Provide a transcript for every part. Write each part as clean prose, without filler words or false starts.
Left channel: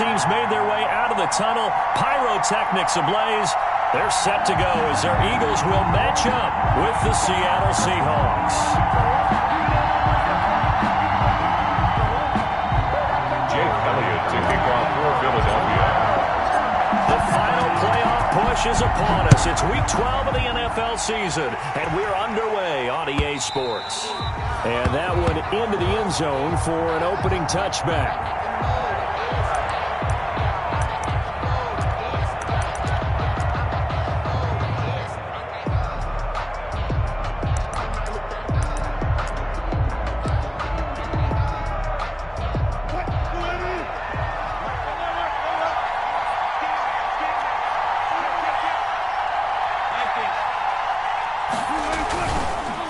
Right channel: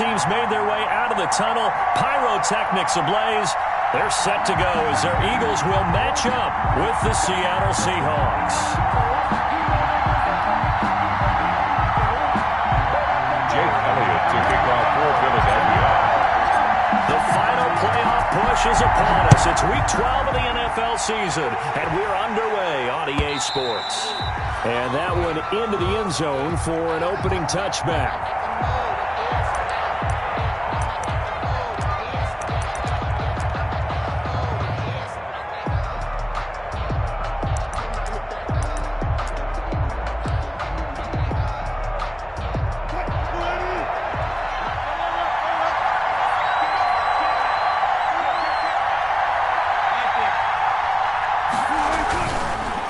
teams made their way out of the tunnel. Pyrotechnics ablaze. They're set to go as their Eagles will match up with the Seattle Seahawks. Jake Elliott to kick off for Philadelphia. The final playoff push is upon us. It's Week 12 of the NFL season, and we're underway on EA Sports. And that one into the end zone for an opening touchback.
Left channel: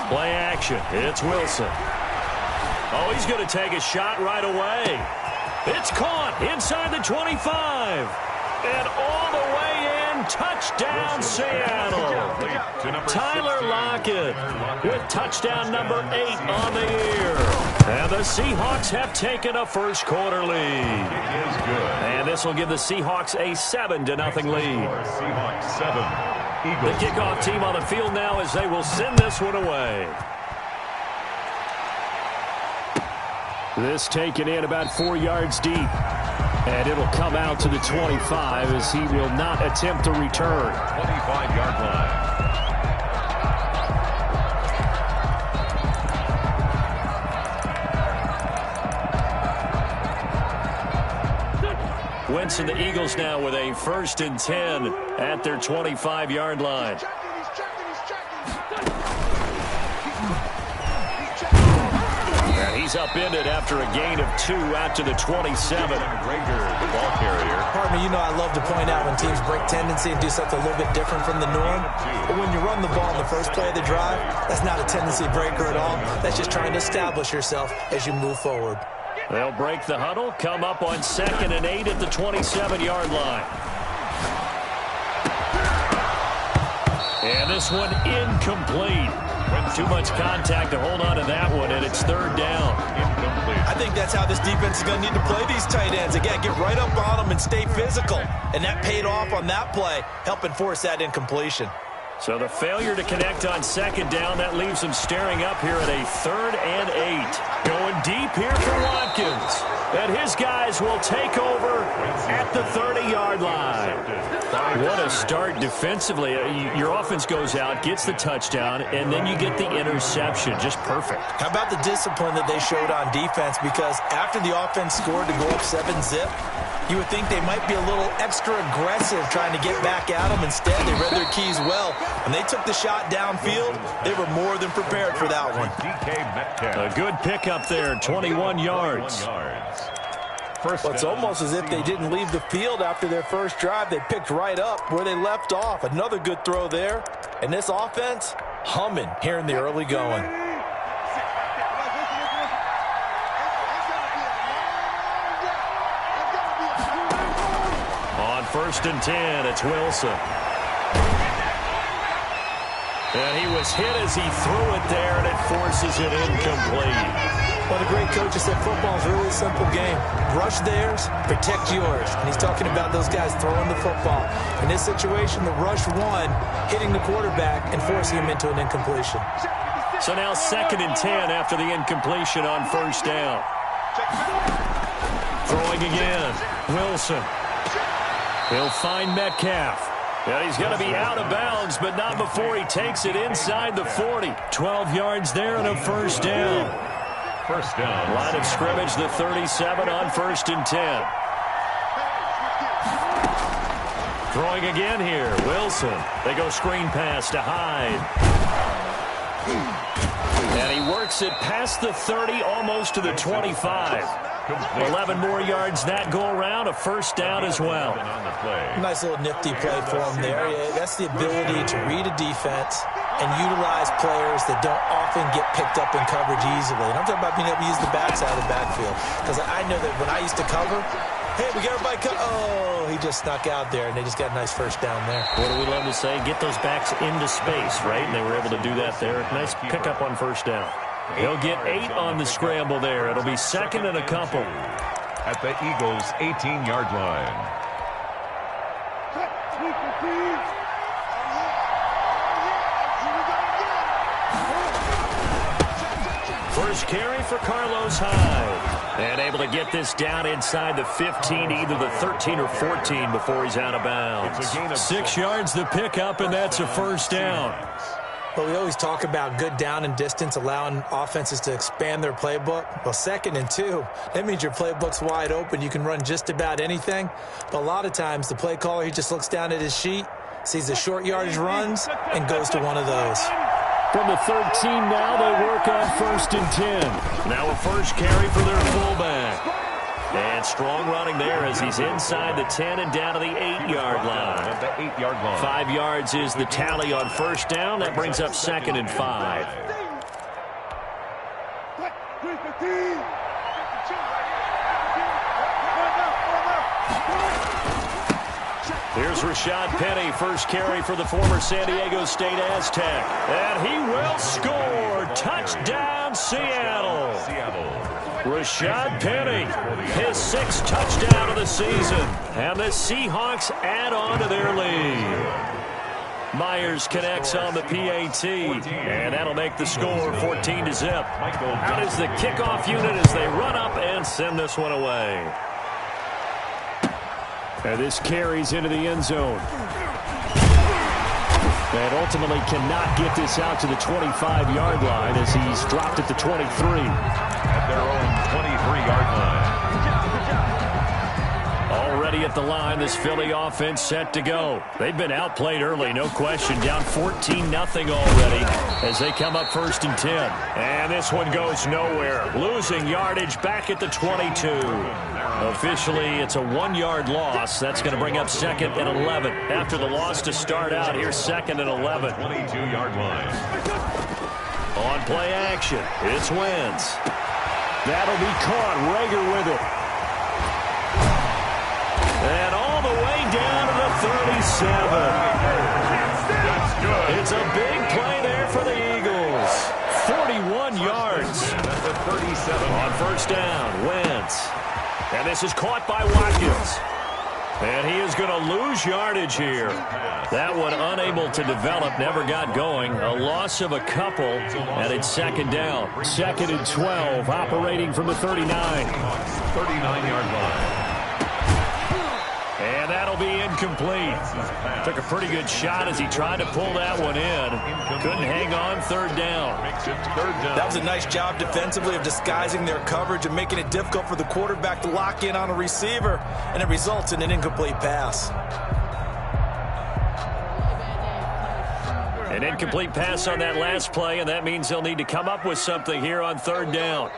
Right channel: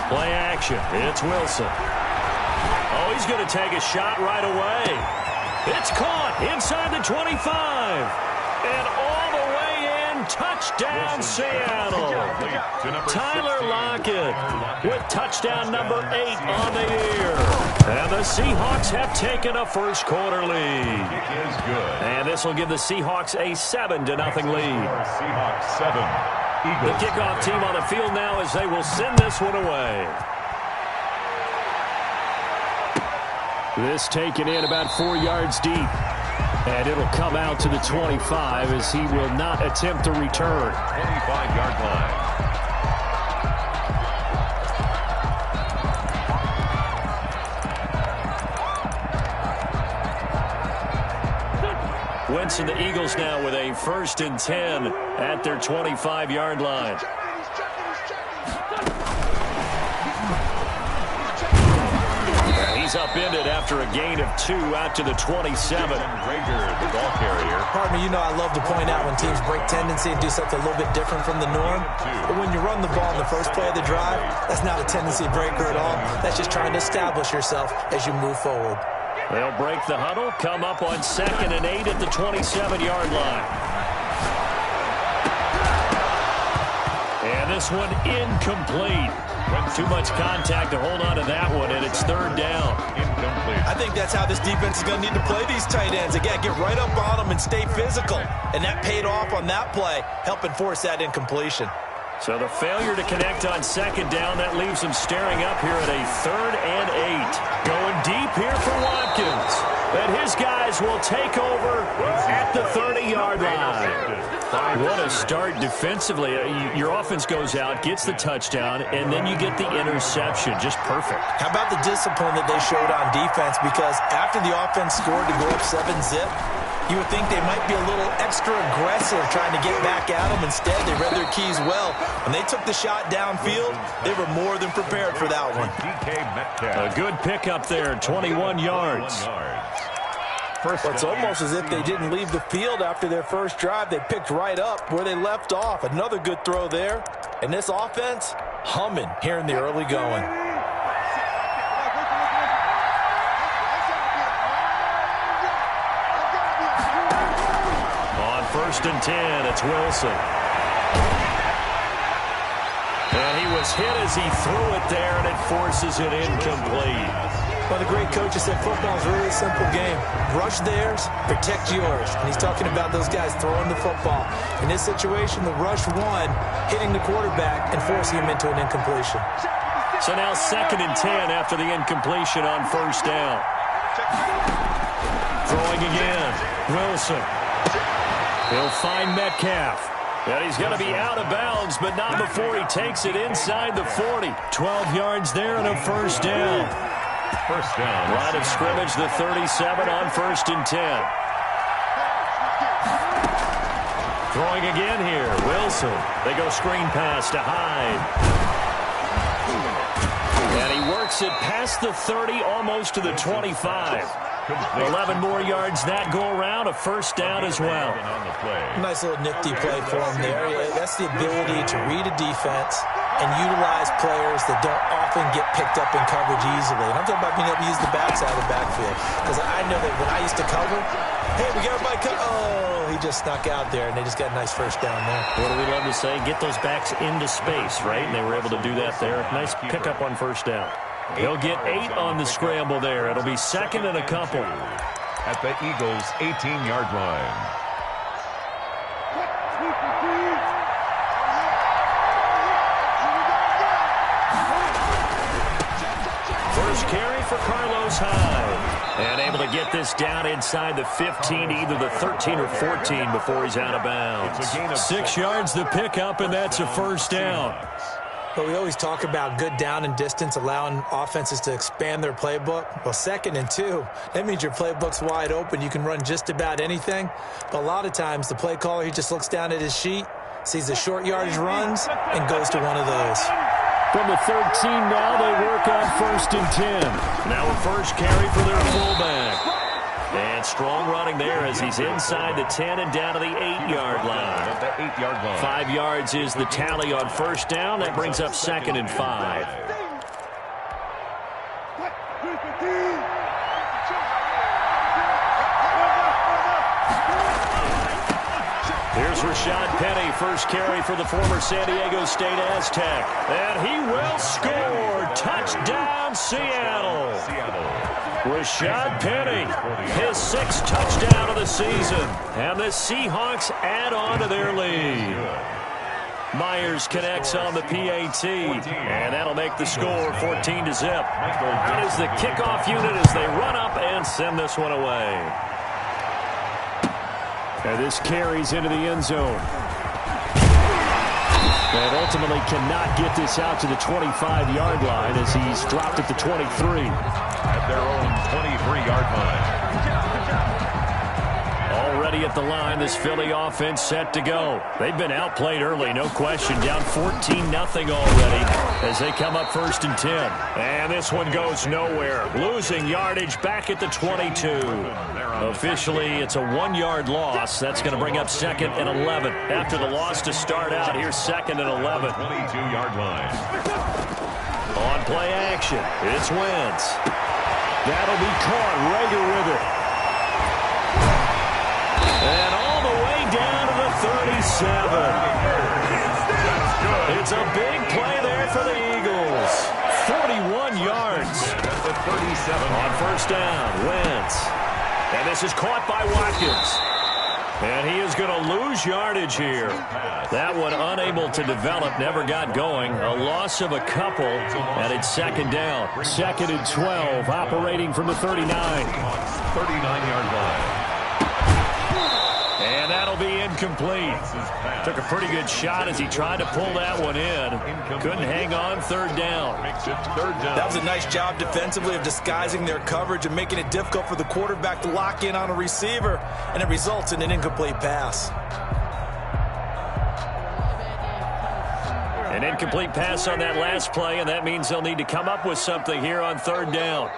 Play action. It's Wilson. Oh, he's going to take a shot right away. It's caught inside the 25. And all the way in. Touchdown, Seattle. Tyler Lockett with touchdown number 8 on the year. And the Seahawks have taken a first quarter lead. Kick is good. And this will give the Seahawks a 7-0 lead. Seahawks 7. The Eagles kickoff 7. team on the field now as they will send this one away. This taken in about 4 yards deep. And it'll come out to the 25 as he will not attempt to return. 25-yard line. Wentz and the Eagles now with a 1st and 10 at their 25-yard line. He's upended after a gain of 2 out to the 27. Rager, the ball carrier. Pardon me, you know I love to point out when teams break tendency and do something a little bit different from the norm. But when you run the ball in the first play of the drive, that's not a tendency breaker at all. That's just trying to establish yourself as you move forward. They'll break the huddle, come up on 2nd and 8 at the 27-yard line. And this one incomplete. Too much contact to hold on to that one, and it's 3rd down. Incomplete. I think that's how this defense is going to need to play these tight ends. Again, get right up on them and stay physical. And that paid off on that play, helping force that incompletion. So the failure to connect on 2nd down, that leaves them staring up here at a 3rd and 8. Going deep here for Watkins. And his guys will take over at the 30-yard line. What a start defensively. Your offense goes out, gets the touchdown, and then you get the interception. Just perfect. How about the discipline that they showed on defense? Because after the offense scored to go up 7-zip, you would think they might be a little extra aggressive trying to get back at them. Instead, they read their keys well. When they took the shot downfield, they were more than prepared for that one. A good pickup there, 21 yards. Well, it's almost as if they didn't leave the field after their first drive. They picked right up where they left off. Another good throw there. And this offense, humming here in the early going. On 1st and 10, it's Wilson. And he was hit as he threw it there, and it forces it incomplete. Well, the great coach has said football is a really simple game. Rush theirs, protect yours. And he's talking about those guys throwing the football. In this situation, the rush won, hitting the quarterback and forcing him into an incompletion. So now 2nd and 10 after the incompletion on 1st down. Throwing again. Wilson. He'll find Metcalf. And he's going to be out of bounds, but not before he takes it inside the 40. 12 yards there and a 1st down. First down. Line of scrimmage, the 37 on 1st and 10. Throwing again here, Wilson. They go screen pass to Hyde. And he works it past the 30, almost to the 25. 11 more yards that go around, a 1st down as well. Nice little nifty play for him there. Yeah, that's the ability to read a defense and utilize players that don't often get picked up in coverage easily. And I'm talking about being able to use the backside of the backfield. Because I know that when I used to cover, hey, we got everybody oh, he just snuck out there, and they just got a nice 1st down there. What do we love to say? Get those backs into space, right? And they were able to do that there. Nice pickup on 1st down. He'll get 8 on the scramble there. It'll be 2nd and a couple. at the Eagles' 18-yard line. First carry for Carlos Hyde. And able to get this down inside the 15, either the 13 or 14 before he's out of bounds. 6 yards the pickup, and that's a first down. But we always talk about good down and distance, allowing offenses to expand their playbook. Well, 2nd and 2, that means your playbook's wide open. You can run just about anything. But a lot of times, the play caller, he just looks down at his sheet, sees the short yardage runs, and goes to one of those. From the 13 now, they work on 1st and 10. Now a first carry for their fullback. And strong running there as he's inside the 10 and down to the 8-yard line. The 8-yard line. 5 yards is the tally on first down. That brings up 2nd and 5. Here's Rashad Penny, first carry for the former San Diego State Aztec. And he will score. Touchdown, Seattle. Rashad Penny, his 6th touchdown of the season. And the Seahawks add on to their lead. Myers connects on the PAT, and that'll make the score 14-0. Out is the kickoff unit as they run up and send this one away. And this carries into the end zone. And ultimately cannot get this out to the 25-yard line as he's dropped at the 23. At their own 23-yard line. Already at the line, this Philly offense set to go. They've been outplayed early, no question. Down 14-0 already as they come up 1st and 10. And this one goes nowhere. Losing yardage back at the 22. Officially, it's a 1-yard loss. That's going to bring up 2nd and 11. After the loss to start out, here's 2nd and 11. 22-yard line. On play action, it's Wentz. That'll be caught. Rager with it. And all the way down to the 37. That's good. It's a big play there for the Eagles. 41 yards. At the 37. On first down, Wentz. And this is caught by Watkins. And he is going to lose yardage here. That one unable to develop, never got going. A loss of a couple, and it's 2nd down. 2nd and 12, operating from the 39. 39-yard line. And that'll be incomplete. Took a pretty good shot as he tried to pull that one in. Couldn't hang on, 3rd down. That was a nice job defensively of disguising their coverage and making it difficult for the quarterback to lock in on a receiver, and it results in an incomplete pass. An incomplete pass on that last play, and that means they'll need to come up with something here on 3rd down.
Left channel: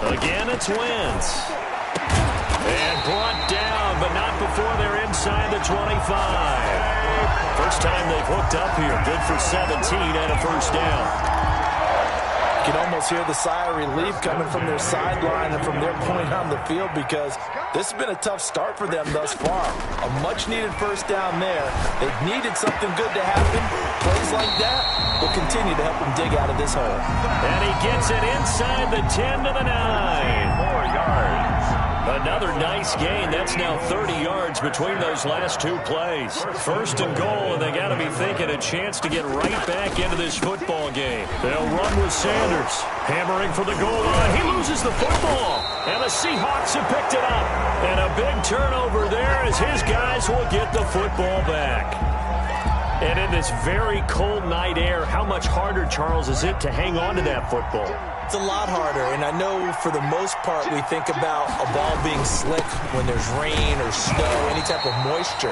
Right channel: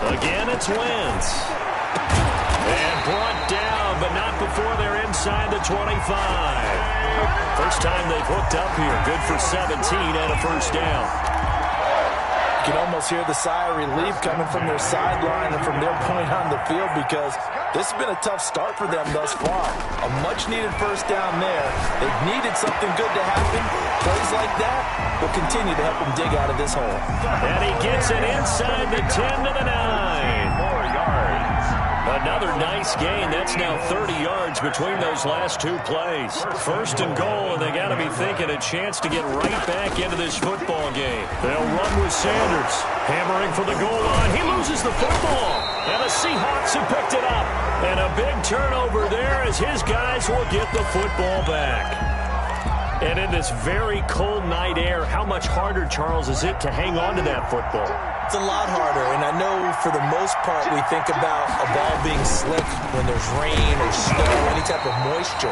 Again, it's Wentz. And brought down, but not before they're inside the 25. First time they've hooked up here. Good for 17 and a first down. You can almost hear the sigh of relief coming from their sideline and from their point on the field, because this has been a tough start for them thus far. A much-needed first down there. They've needed something good to happen. Plays like that will continue to help them dig out of this hole. And he gets it inside the 10 to the 9. 4 yards. Another nice gain. That's now 30 yards between those last 2 plays. 1st and goal, and they got to be thinking a chance to get right back into this football game. They'll run with Sanders. Hammering for the goal line. He loses the football. And the Seahawks have picked it up. And a big turnover there as his guys will get the football back. And in this very cold night air, how much harder, Charles, is it to hang on to that football? It's a lot harder, and I know for the most part we think about a ball being slick when there's rain or snow, any type of moisture.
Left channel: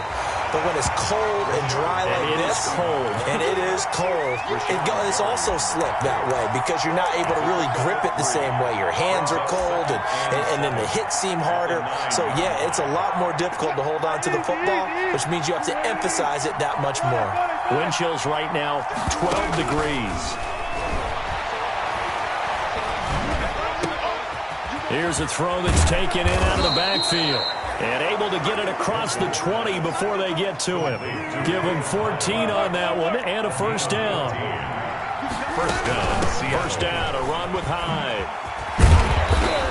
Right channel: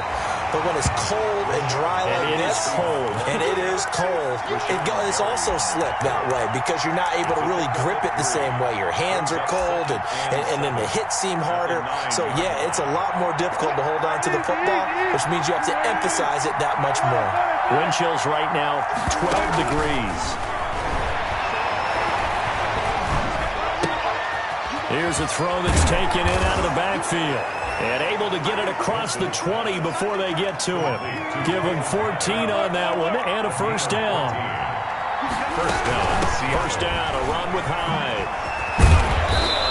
But when it's cold and dry like this, and it is cold, it's also slick that way because you're not able to really grip it the same way. Your hands are cold, and then the hits seem harder. So, yeah, it's a lot more difficult to hold on to the football, which means you have to emphasize it that much more. Wind chills right now, 12 degrees. Here's a throw that's taken in out of the backfield. And able to get it across the 20 before they get to him. Give him 14 on that one and a first down. First down, First down, a run with Hyde.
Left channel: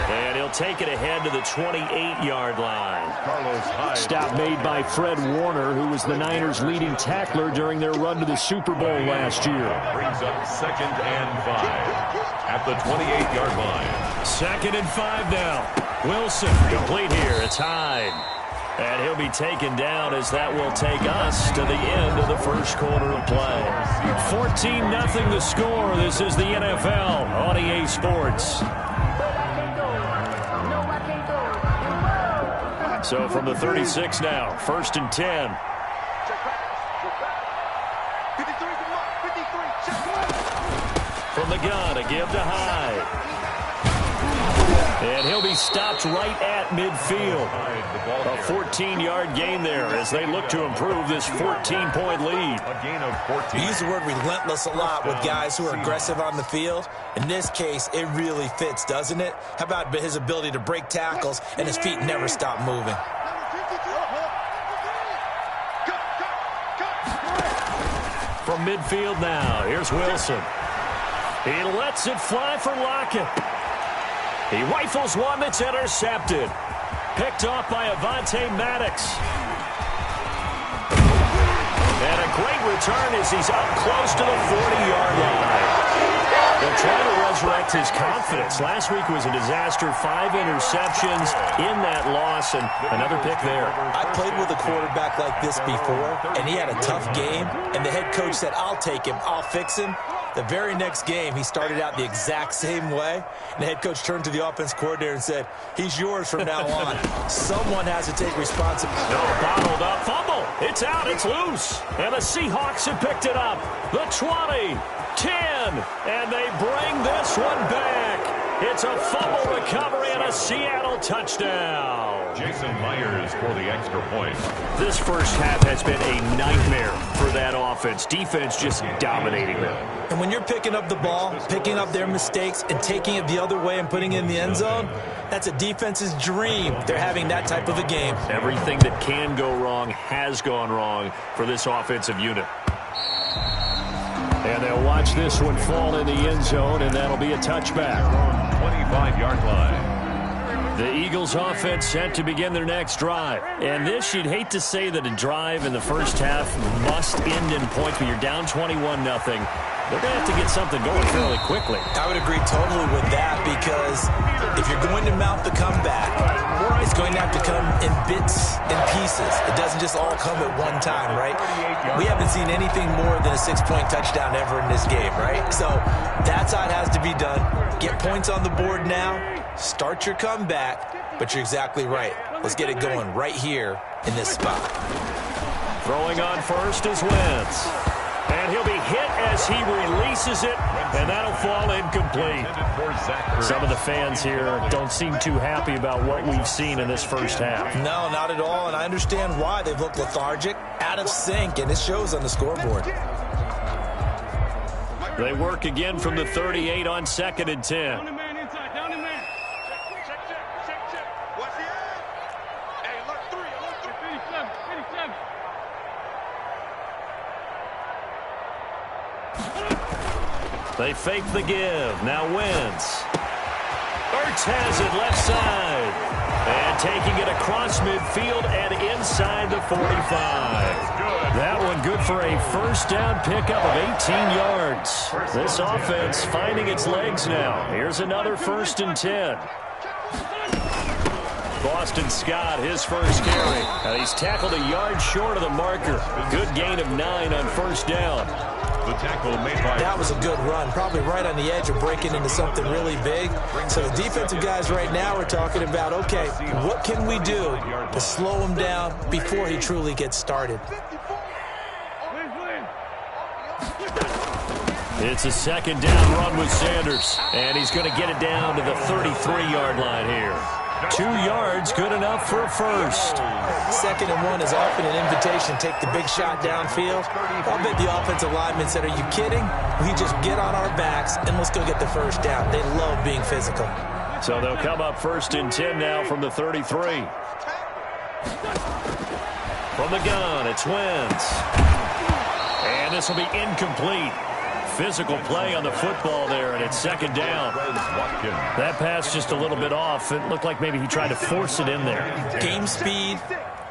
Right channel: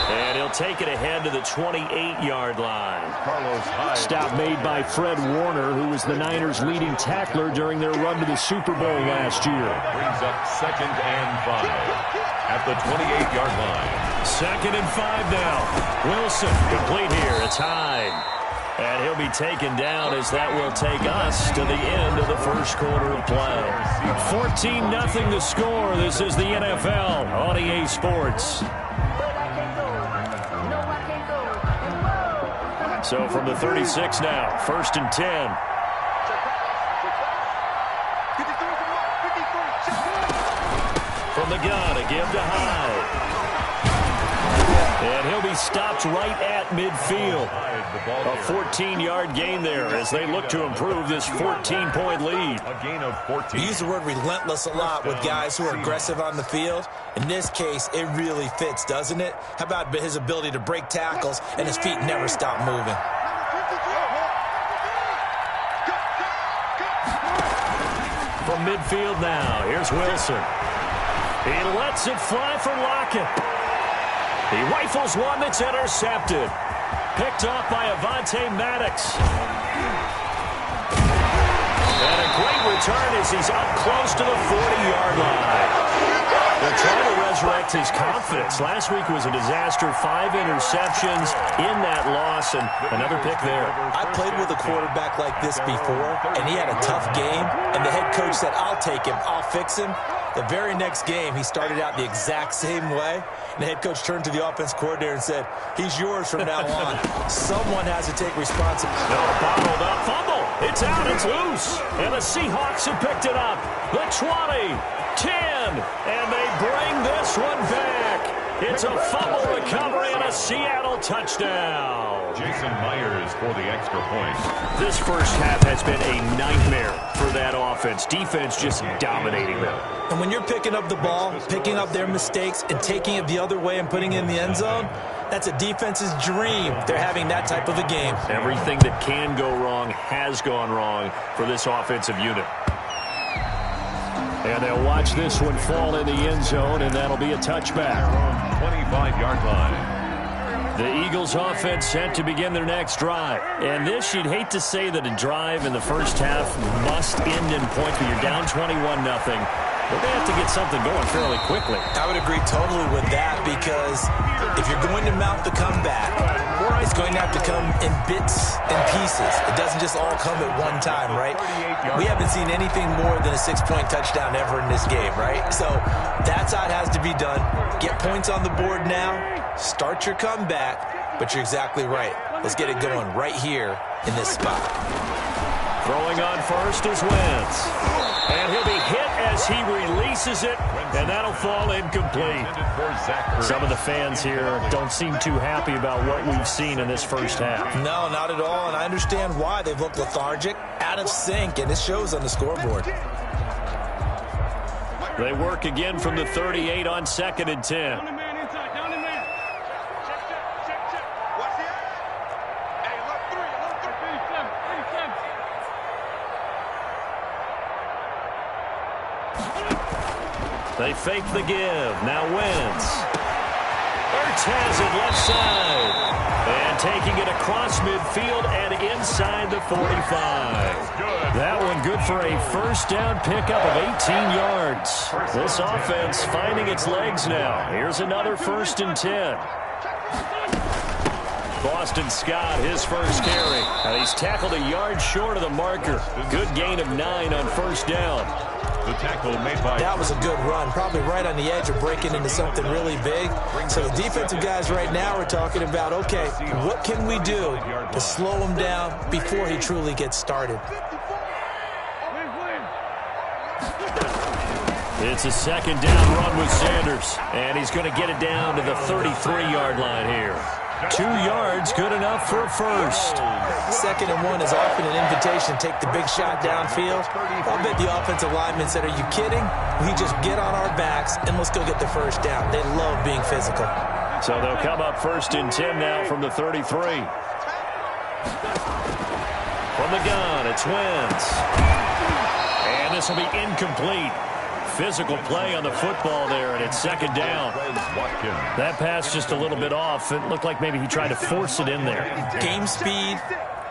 And he'll take it ahead to the 28-yard line. Stop made by Fred Warner, who was the Niners' leading tackler during their run to the Super Bowl last year. Brings up 2nd and 5 at the 28-yard line. 2nd and 5 now. Wilson complete here. It's Hyde. And he'll be taken down as that will take us to the end of the first quarter of play. 14-0 the score. This is the NFL on EA Sports. So from the 36 now, 1st and 10. From the gun, a give to Hyde. And he'll be stopped right at midfield. A 14-yard gain there as they look to improve this 14-point lead. A gain of 14. We use the word relentless a lot with guys who are aggressive on the field. In this case, it really fits, doesn't it? How about his ability to break tackles and his feet never stop moving? From midfield now, here's Wilson. He lets it fly for Lockett. He rifles one that's intercepted. Picked off by Avonte Maddox. And a great return as he's up close to the 40-yard line. They're trying to resurrect his confidence. Last week was a disaster. 5 interceptions in that loss, and another pick there. I played with a quarterback like this before, and he had a tough game, and the head coach said, I'll take him, I'll fix him. The very next game, he started out the exact same way, and the head coach turned to the offense coordinator and said, he's yours from now on. Someone has to take responsibility. No, bottled up, fumble. It's out, it's loose. And the Seahawks have picked it up. The 20, 10, and they bring this one back. It's a fumble recovery and a Seattle touchdown. Jason Myers for the extra point. This first half has been a nightmare for that offense. Defense just dominating them. And when you're picking up the ball, picking up their mistakes, and taking it the other way and putting it in the end zone, that's a defense's dream. They're having that type of a game. Everything that can go wrong has gone wrong for this offensive unit. And they'll watch this one fall in the end zone, and that'll be a touchback. 25-yard line. The Eagles offense set to begin their next drive. And this, you'd hate to say that a drive in the first half must end in points, but you're down 21-0. They're going to have to get something going fairly quickly. I would agree totally with that, because if you're going to mount the comeback, it's going to have to come in bits and pieces. It doesn't just all come at one time, right? We haven't seen anything more than a 6-point touchdown ever in this game, right? So that's how it has to be done. Get points on the board now, start your comeback, but you're exactly right. Let's get it going right here in this spot. Throwing on first is Wentz. And he'll be hit as he releases it, and that'll fall incomplete. Some of the fans here don't seem too happy about what we've seen in this first half. No, not at all, and I understand why. They've looked lethargic, out of sync, and it shows on the scoreboard. They work again from the 38 on 2nd and 10. They fake the give. Now Wentz. Ertz has it left side. And taking it across midfield and inside the 45. That one good for a first down pickup of 18 yards. This offense finding its legs now. Here's another 1st and 10. Boston Scott, his first carry. And he's tackled a yard short of the marker. Good gain of 9 on first down. The tackle made by... That was a good run, probably right on the edge of breaking into something really big. So the defensive guys right now are talking about, okay, what can we do to slow him down before he truly gets started? It's a 2nd down run with Sanders. And he's going to get it down to the 33-yard line here. 2 yards, good enough for a first. 2nd and 1 is often an invitation to take the big shot downfield. I'll bet the offensive lineman said, are you kidding? We just get on our backs and let's go get the first down. They love being physical. So they'll come up 1st and 10 now from the 33. From the gun, it's Wentz. And this will be incomplete. physical play on the football there, and it's second down. That pass just a little bit off. It looked like maybe he tried to force it in there. Game speed,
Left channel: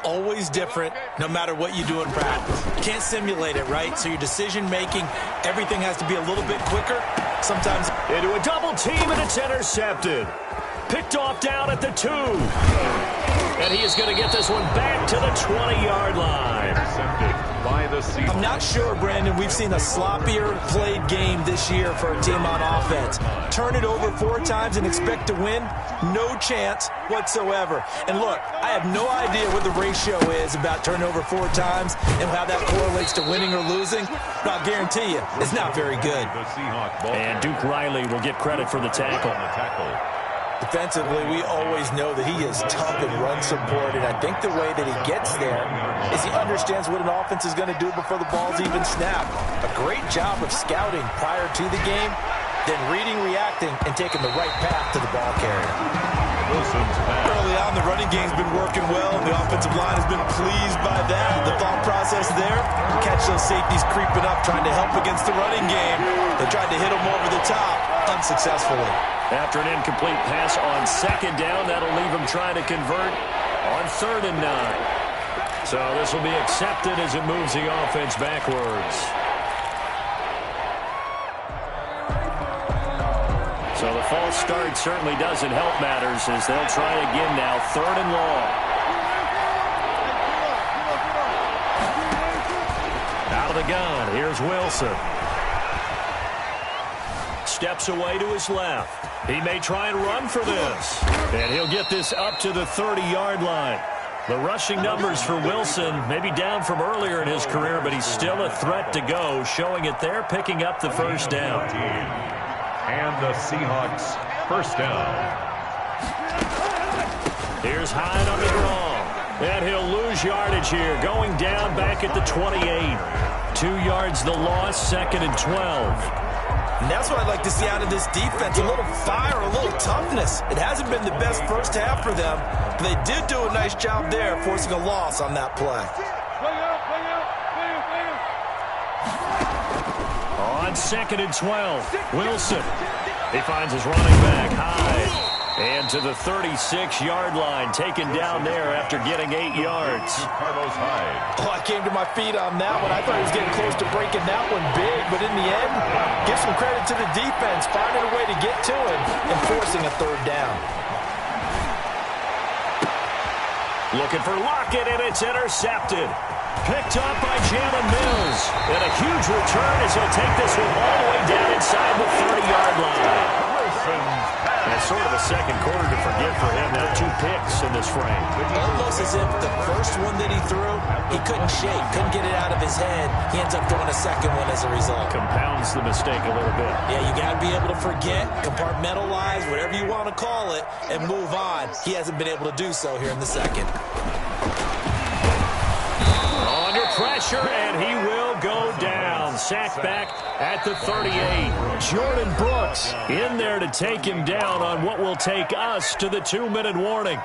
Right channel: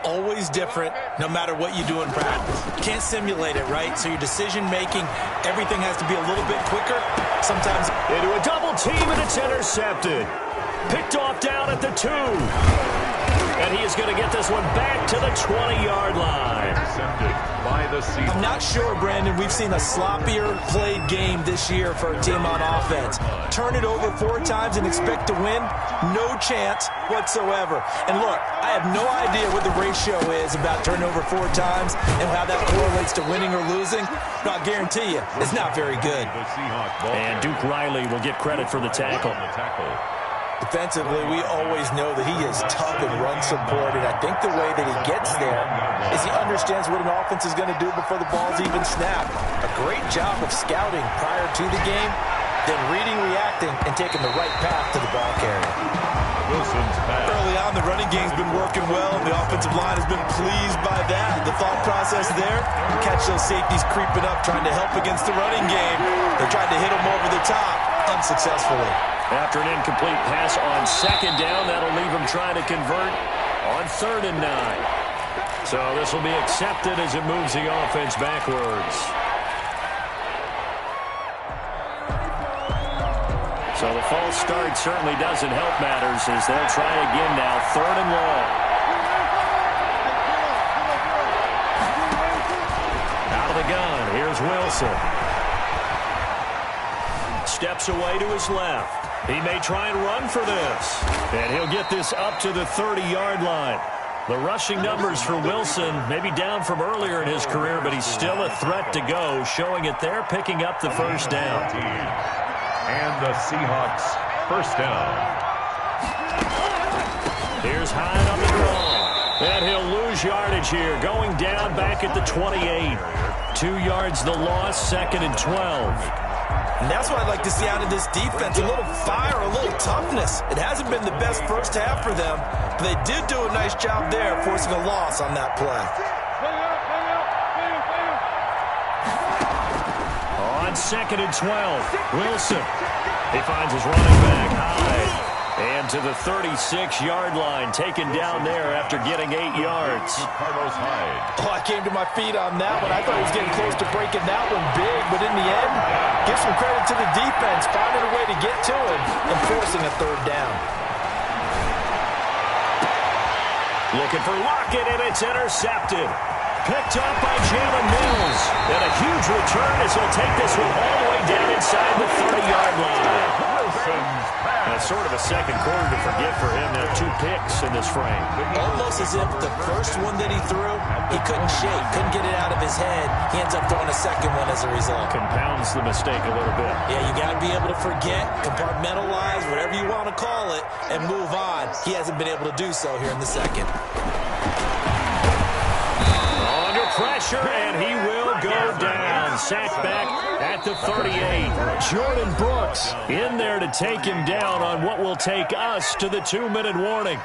always different, no matter what you do in practice. You can't simulate it, right? So your decision-making, everything has to be a little bit quicker. Sometimes into a double team, and it's intercepted. Picked off down at the 2. And he is going to get this one back to the 20-yard line. Intercepted by the Seahawks. I'm not sure, Brandon, we've seen a sloppier played game this year for a team on offense. Turn it over 4 times and expect to win? No chance whatsoever. And look, I have no idea what the ratio is about turning over 4 times and how that correlates to winning or losing, but I'll guarantee you, it's not very good. And Duke Riley will get credit for the tackle. Defensively, we always know that he is tough and run support, and I think the way that he gets there is he understands what an offense is going to do before the ball's even snapped. A great job of scouting prior to the game, then reading, reacting, and taking the right path to the ball carrier. Wilson's pass. Early on, the running game's been working well, and the offensive line has been pleased by that. The thought process there, catch those safeties creeping up, trying to help against the running game. They tried to hit them over the top, unsuccessfully. After an incomplete pass on second down, that'll leave him trying to convert on 3rd and 9. So this will be accepted as it moves the offense backwards. So the false start certainly doesn't help matters as they'll try again now, 3rd and long. Out of the gun, here's Wilson. Steps away to his left. He may try and run for this. And he'll get this up to the 30-yard line. The rushing numbers for Wilson may be down from earlier in his career, but he's still a threat to go, showing it there, picking up the first down. And the Seahawks first down. Here's Hyde on the draw. And he'll lose yardage here, going down back at the 28. 2 yards the loss, 2nd and 12. And that's what I'd like to see out of this defense, a little fire, a little toughness. It hasn't been the best first half for them, but they did do a nice job there, forcing a loss on that play. On 2nd and 12, Wilson. He finds his running back, Hyde. And to the 36-yard line, taken down there after getting 8 yards. Carlos Hyde. Oh, I came to my feet on that one. I thought he was getting close to breaking that one big, but in the end, give some credit to the defense, finding a way to get to him and forcing a 3rd down. Looking for Lockett, and it's intercepted. Picked up by Jalen Mills. And a huge return as he'll take this one all the way down inside the 30-yard line. That's sort of a second quarter to forget for him. Now 2 picks in this frame. Almost as if the first one that he threw, he couldn't shake, couldn't get it out of his head. He ends up throwing a second one as a result. Compounds the mistake a little bit. Yeah, you got to be able to forget, compartmentalize, whatever you want to call it, and move on. He hasn't been able to do so here in the second. Under pressure, and he will go down. Sacked back at the 38. Jordan Brooks in there to take him down on what will take us to the 2-minute warning.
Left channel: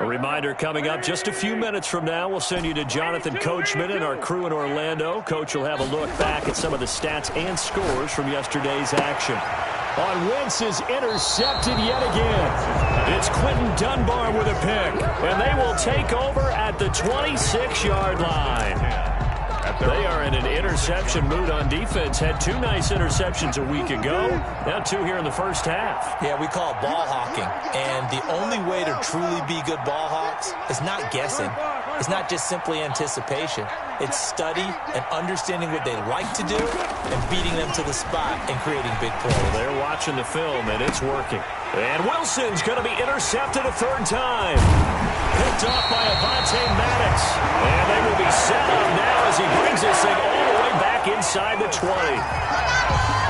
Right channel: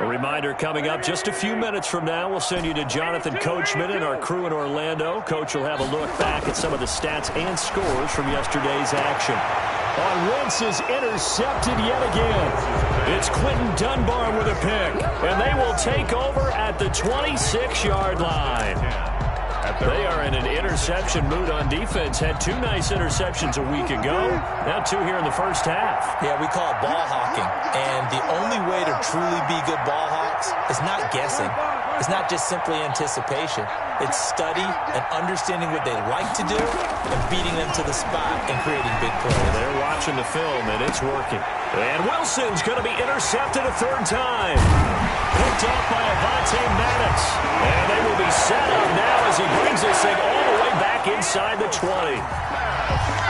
A reminder coming up just a few minutes from now, we'll send you to Jonathan Coachman and our crew in Orlando. Coach will have a look back at some of the stats and scores from yesterday's action. On Wentz is intercepted yet again. It's Quentin Dunbar with a pick, and they will take over at the 26-yard line. They are in an interception mood on defense. Had 2 nice interceptions a week ago. Now 2 here in the first half. Yeah, we call it ball hawking. And the only way to truly be good ball hawks is not guessing. is not just simply anticipation. It's study and understanding what they like to do and beating them to the spot and creating big plays. Well, they're watching the film, and it's working. And Wilson's going to be intercepted a third time. Picked off by Avonte Maddox. And they will be set up now as he brings this thing all the way back inside the 20.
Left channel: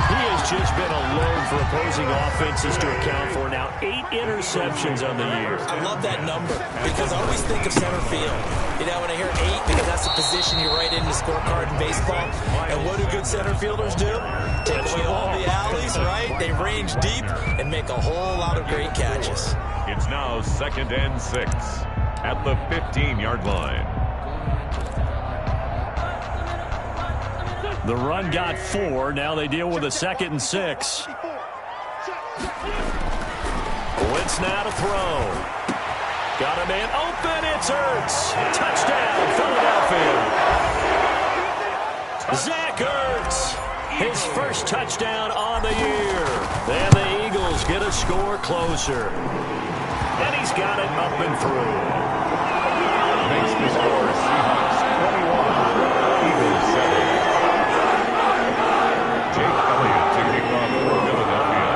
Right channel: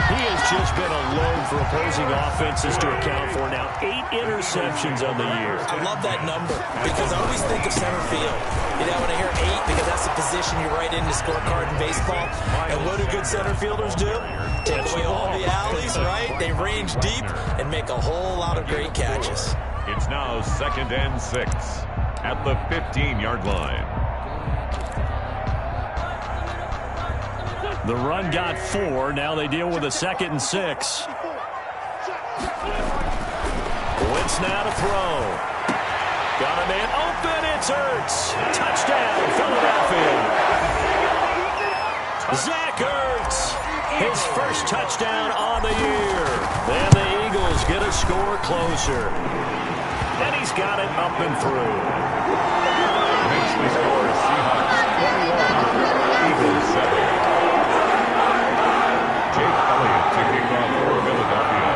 He has just been a load for opposing offenses to account for. Now 8 interceptions on the year. I love that number because I always think of center field. You know, when I hear 8, because that's the position you write in the scorecard in baseball. And what do good center fielders do? Take away all the alleys, right? They range deep and make a whole lot of great catches. It's now 2nd and 6 at the 15-yard line. The run got 4. Now they deal with a 2nd and 6. Wentz now to throw. Got a man open. It's Ertz. Touchdown, Philadelphia. Zach Ertz. His first touchdown on the year. And the Eagles get a score closer. And he's got it up and through. Makes the score Seahawks 21, Eagles 7. Jake Elliott to kick off for Philadelphia.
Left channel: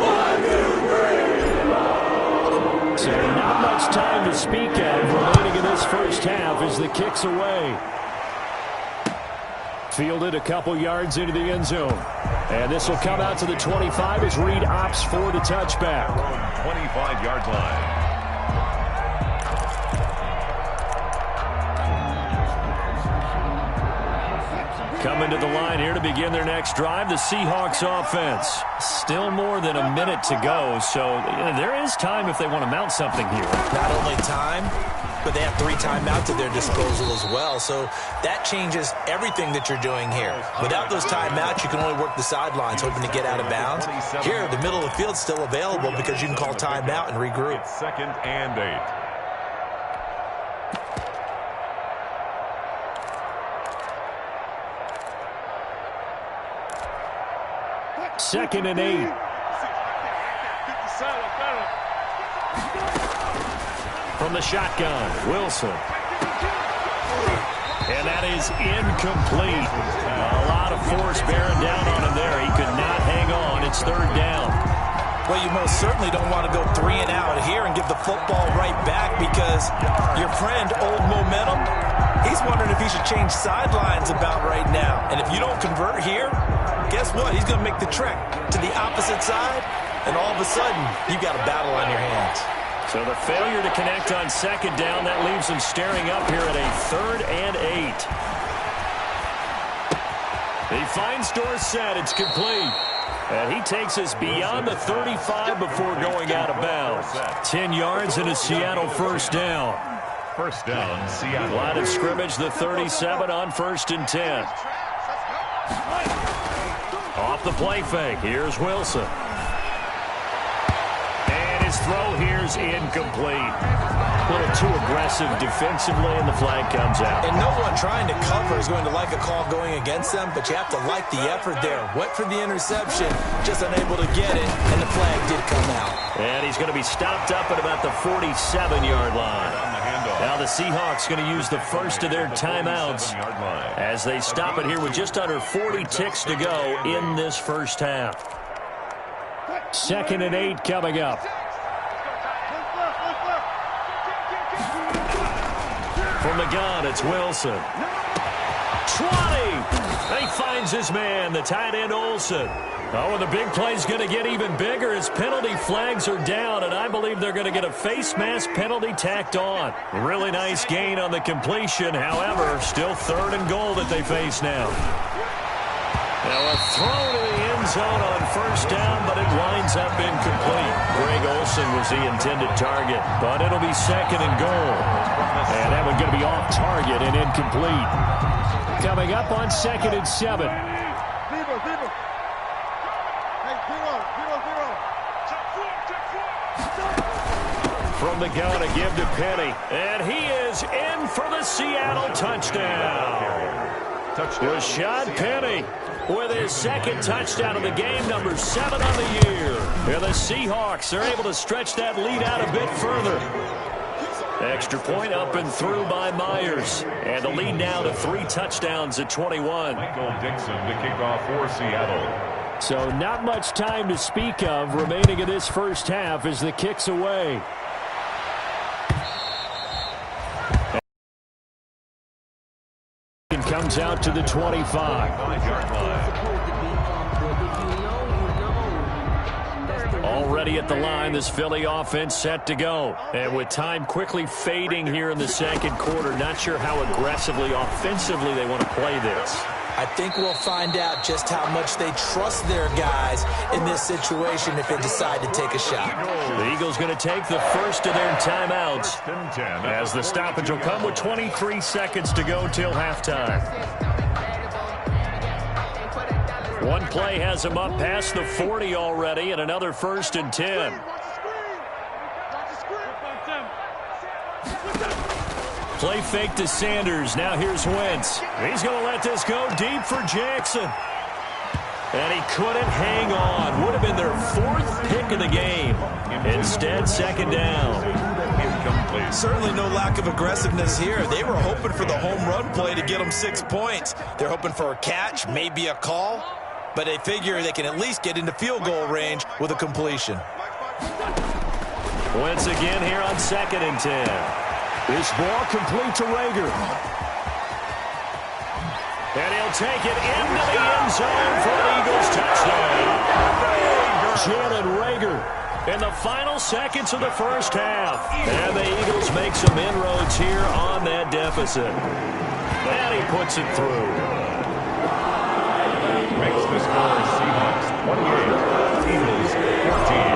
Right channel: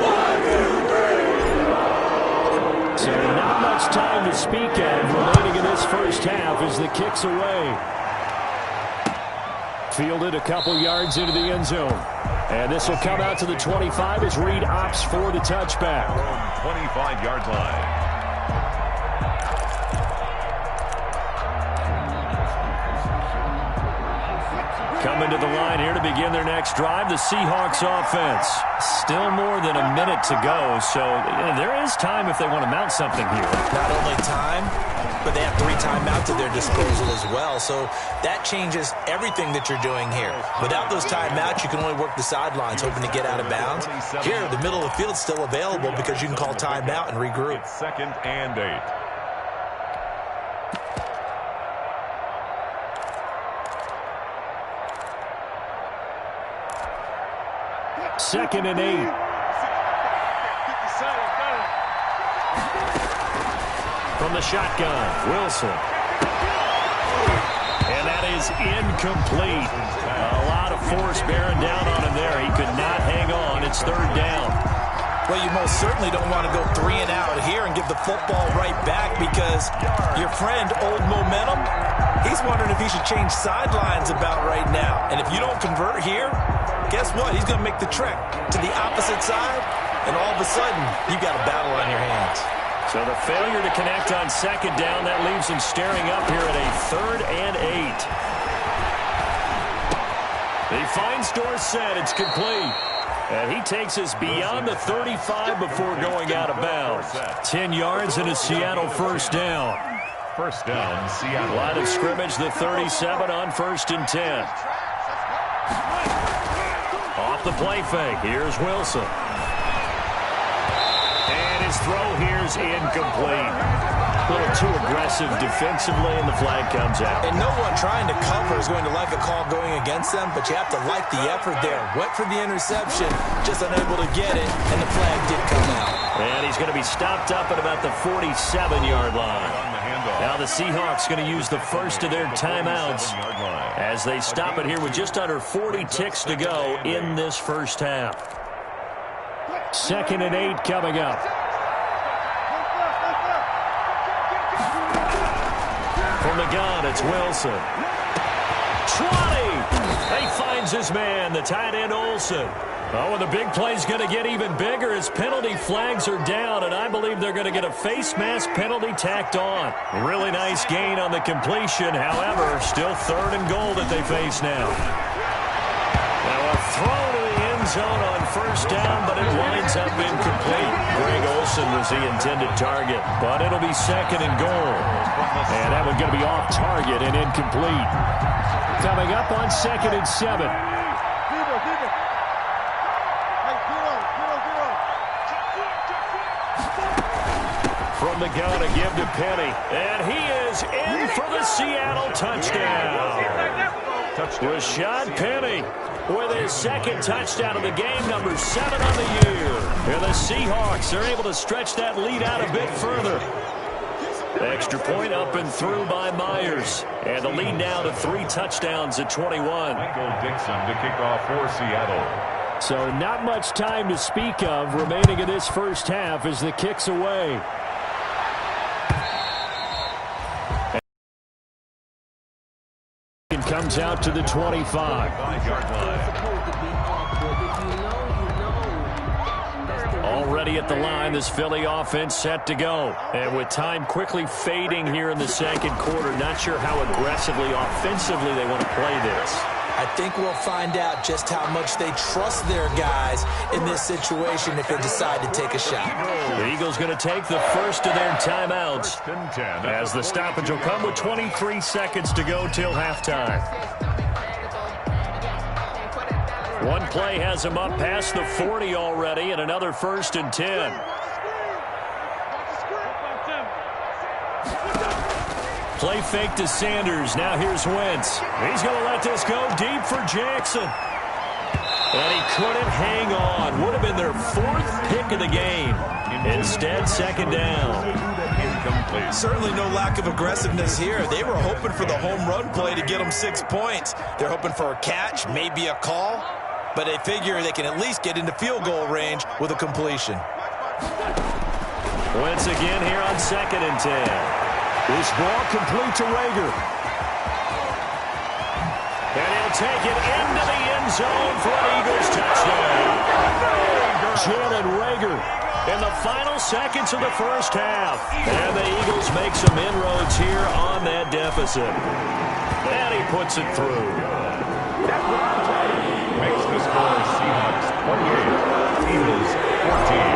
1, 2, 3. So not much time to speak of remaining in this first half as the kick's away. Fielded a couple yards into the end zone. And this will come out to the 25 as Reed opts for the touchback. 25-yard line. Coming to the line here to begin their next drive, the Seahawks offense. Still more than a minute to go, so there is time if they want to mount something here. Not only time, but they have 3 timeouts at their disposal as well, so that changes everything that you're doing here. Without those timeouts, you can only work the sidelines, hoping to get out of bounds. Here, the middle of the field's still available because you can call timeout and regroup. It's 2nd and 8. Second and 8. From the shotgun, Wilson. And that is incomplete. A lot of force bearing down on him there. He could not hang on. It's 3rd down. Well, you most certainly don't want to go 3 and out here and give the football right back because your friend, Old Momentum, he's wondering if he should change sidelines about right now. And if you don't convert here, guess what? He's going to make the trek to the opposite side, and all of a sudden, you've got a battle on your hands. So the failure to connect on 2nd down, that leaves them staring up here at a 3rd and 8. He finds Dorsett. It's complete. And he takes us beyond the 35 before going out of bounds. 10 yards and a Seattle first down. First down, Seattle. Line of scrimmage, the 37 on 1st and 10. Off the play fake. Here's Wilson. And his throw here's incomplete. A little too aggressive defensively, and the flag comes out. And no one trying to cover is going to like a call going against them, but you have to like the effort there. Went for the interception, just unable to get it, and the flag did come out. And he's going to be stopped up at about the 47-yard line. On the handoff. Now the Seahawks going to use the first of their timeouts as they stop it here with just under 40 ticks to go in this first half. 2nd and 8 coming up. From the gun, it's Wilson. 20! He finds his man, the tight end Olsen. Oh, and the big play's going to get even bigger as penalty flags are down, and I believe they're going to get a face mask penalty tacked on. Really nice gain on the completion. However, still 3rd and goal that they face now. Now a throw to the end zone on 1st down, but it winds up incomplete. Greg Olsen was the intended target, but it'll be 2nd and goal. And that one's going to be off target and incomplete. Coming up on 2nd and 7. From the gun, a give to Penny. And he is in for the Seattle touchdown. Rashad Penny with his 2nd touchdown of the game, number 7 on the year. And the Seahawks are able to stretch that lead out a bit further. Extra point up and through by Myers. And the lead now to 3 touchdowns at 21. Michael Dixon to kick off for Seattle. So not much time to speak of remaining in this first half as the kick's away. And comes out to the 25. 5-yard line. Already at the line, this Philly offense set to go. And with time quickly fading here in the second quarter, not sure how aggressively, offensively they want to play this. I think we'll find out just how much they trust their guys in this situation if they decide to take a shot. The Eagles going to take the first of their timeouts as the stoppage will come with 23 seconds to go till halftime. One play has them up past the 40 already, and another 1st and 10. Play fake to Sanders. Now here's Wentz. He's going to let this go deep for Jackson. And he couldn't hang on. Would have been their 4th pick of the game. Instead, 2nd down. Incomplete. Certainly no lack of aggressiveness here. They were hoping for the home run play to get them 6 points. They're hoping for a catch, maybe a call. But they figure they can at least get into field goal range with a completion. Wentz again here on 2nd and 10. This ball complete to Rager. And he'll take it into the end zone for an Eagles touchdown. Jalen Rager. In the final seconds of the first half. And the Eagles make some inroads here on that deficit. And he puts it through. Makes the score Seahawks 28, Eagles 14.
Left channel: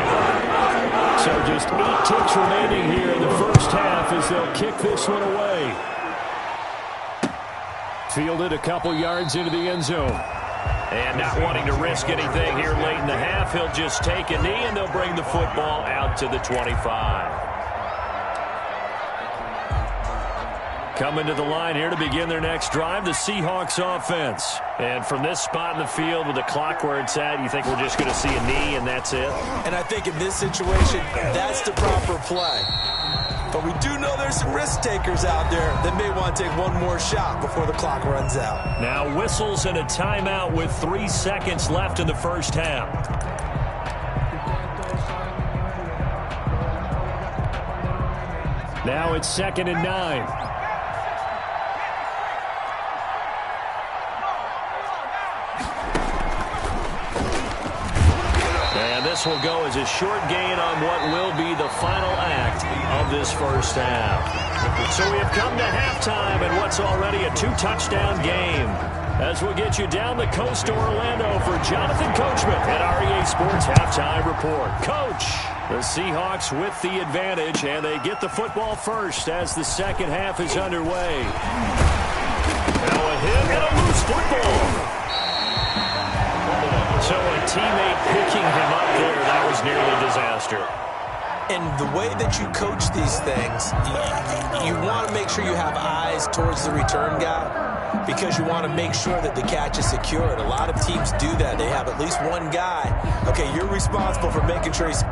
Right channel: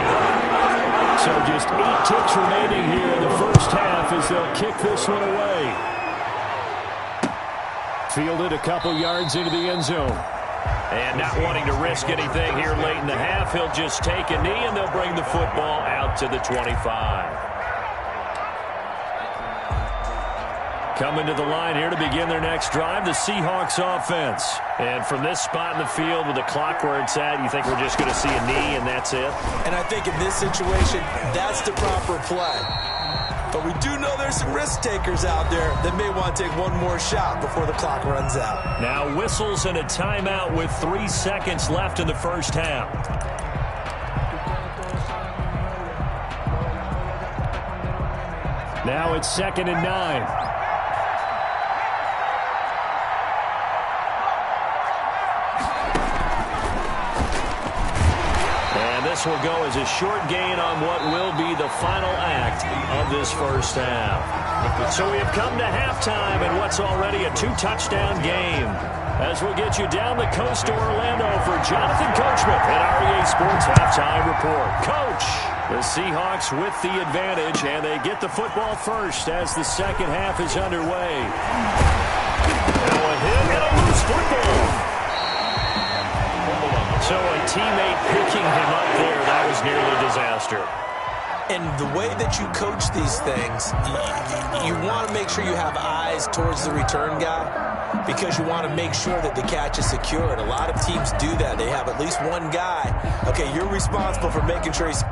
So just 8 ticks remaining here in the first half as they'll kick this one away. Fielded a couple yards into the end zone. And not wanting to risk anything here late in the half, he'll just take a knee and they'll bring the football out to the 25. Coming to the line here to begin their next drive, the Seahawks offense. And from this spot in the field with the clock where it's at, you think we're just going to see a knee and that's it? And I think in this situation, that's the proper play. But we do know there's some risk takers out there that may want to take one more shot before the clock runs out. Now whistles and a timeout with 3 seconds left in the first half. Now it's 2nd and 9. And this will go as a short gain on what will be the final act of this first half. So we have come to halftime in what's already a 2-touchdown game. As we'll get you down the coast to Orlando for Jonathan Coachman at REA Sports Halftime Report. Coach, the Seahawks with the advantage, and they get the football first as the second half is underway. Now a hit and a loose football. So a teammate picking him up there, that was nearly a disaster. And the way that you coach these things, you want to make sure you have eyes towards the return guy because you want to make sure that the catch is secured. A lot of teams do that. They have at least one guy. Okay, you're responsible for making sure he's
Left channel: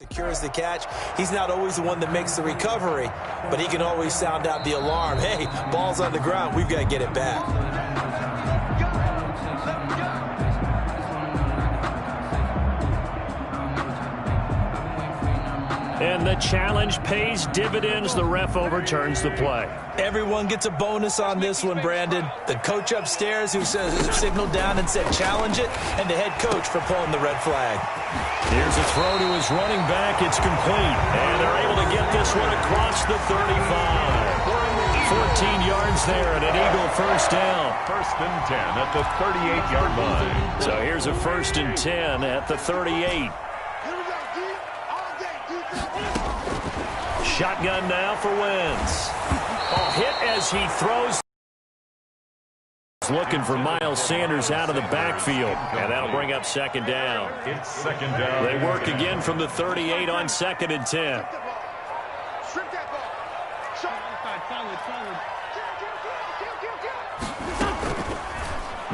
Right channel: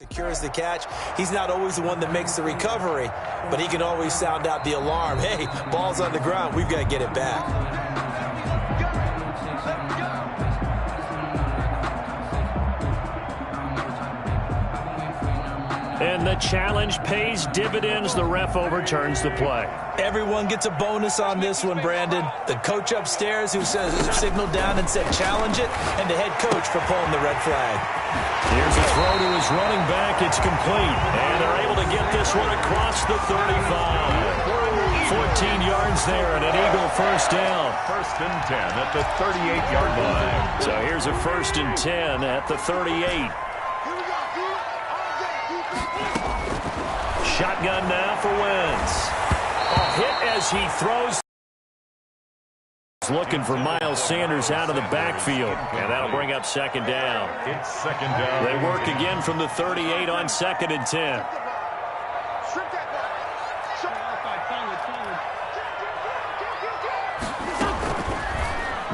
secures the catch. He's not always the one that makes the recovery, but he can always sound out the alarm. Hey, ball's on the ground. We've got to get it back. And the challenge pays dividends. The ref overturns the play. Everyone gets a bonus on this one, Brandon. The coach upstairs who signaled down and said challenge it, and the head coach for pulling the red flag. Here's a throw to his running back. It's complete. And they're able to get this one across the 35. 14 yards there and an Eagle first down. 1st and 10 at the 38-yard line. So here's a 1st and 10 at the 38. Shotgun now for Wentz. Hit as he throws. Looking for Miles Sanders out of the backfield. And that'll bring up 2nd down. It's 2nd down. They work again from the 38 on 2nd and 10.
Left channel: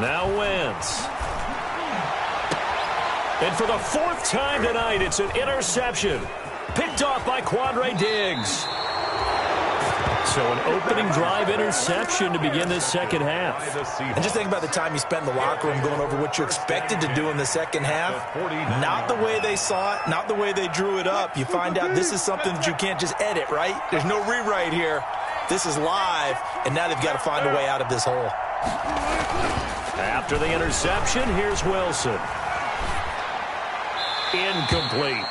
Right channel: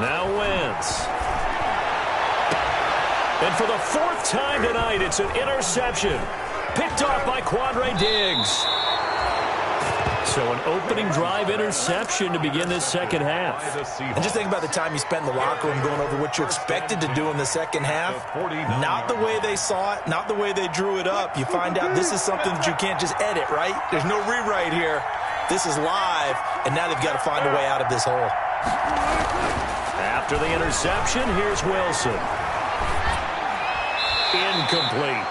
Now Wentz. And for the fourth time tonight, it's an interception. Picked off by Quandre Diggs. So an opening drive interception to begin this second half. And just think about the time you spend in the locker room going over what you're expected to do in the second half. Not the way they saw it, not the way they drew it up. You find out this is something that you can't just edit, right? There's no rewrite here. This is live, and now they've got to find a way out of this hole. After the interception, here's Wilson. Incomplete.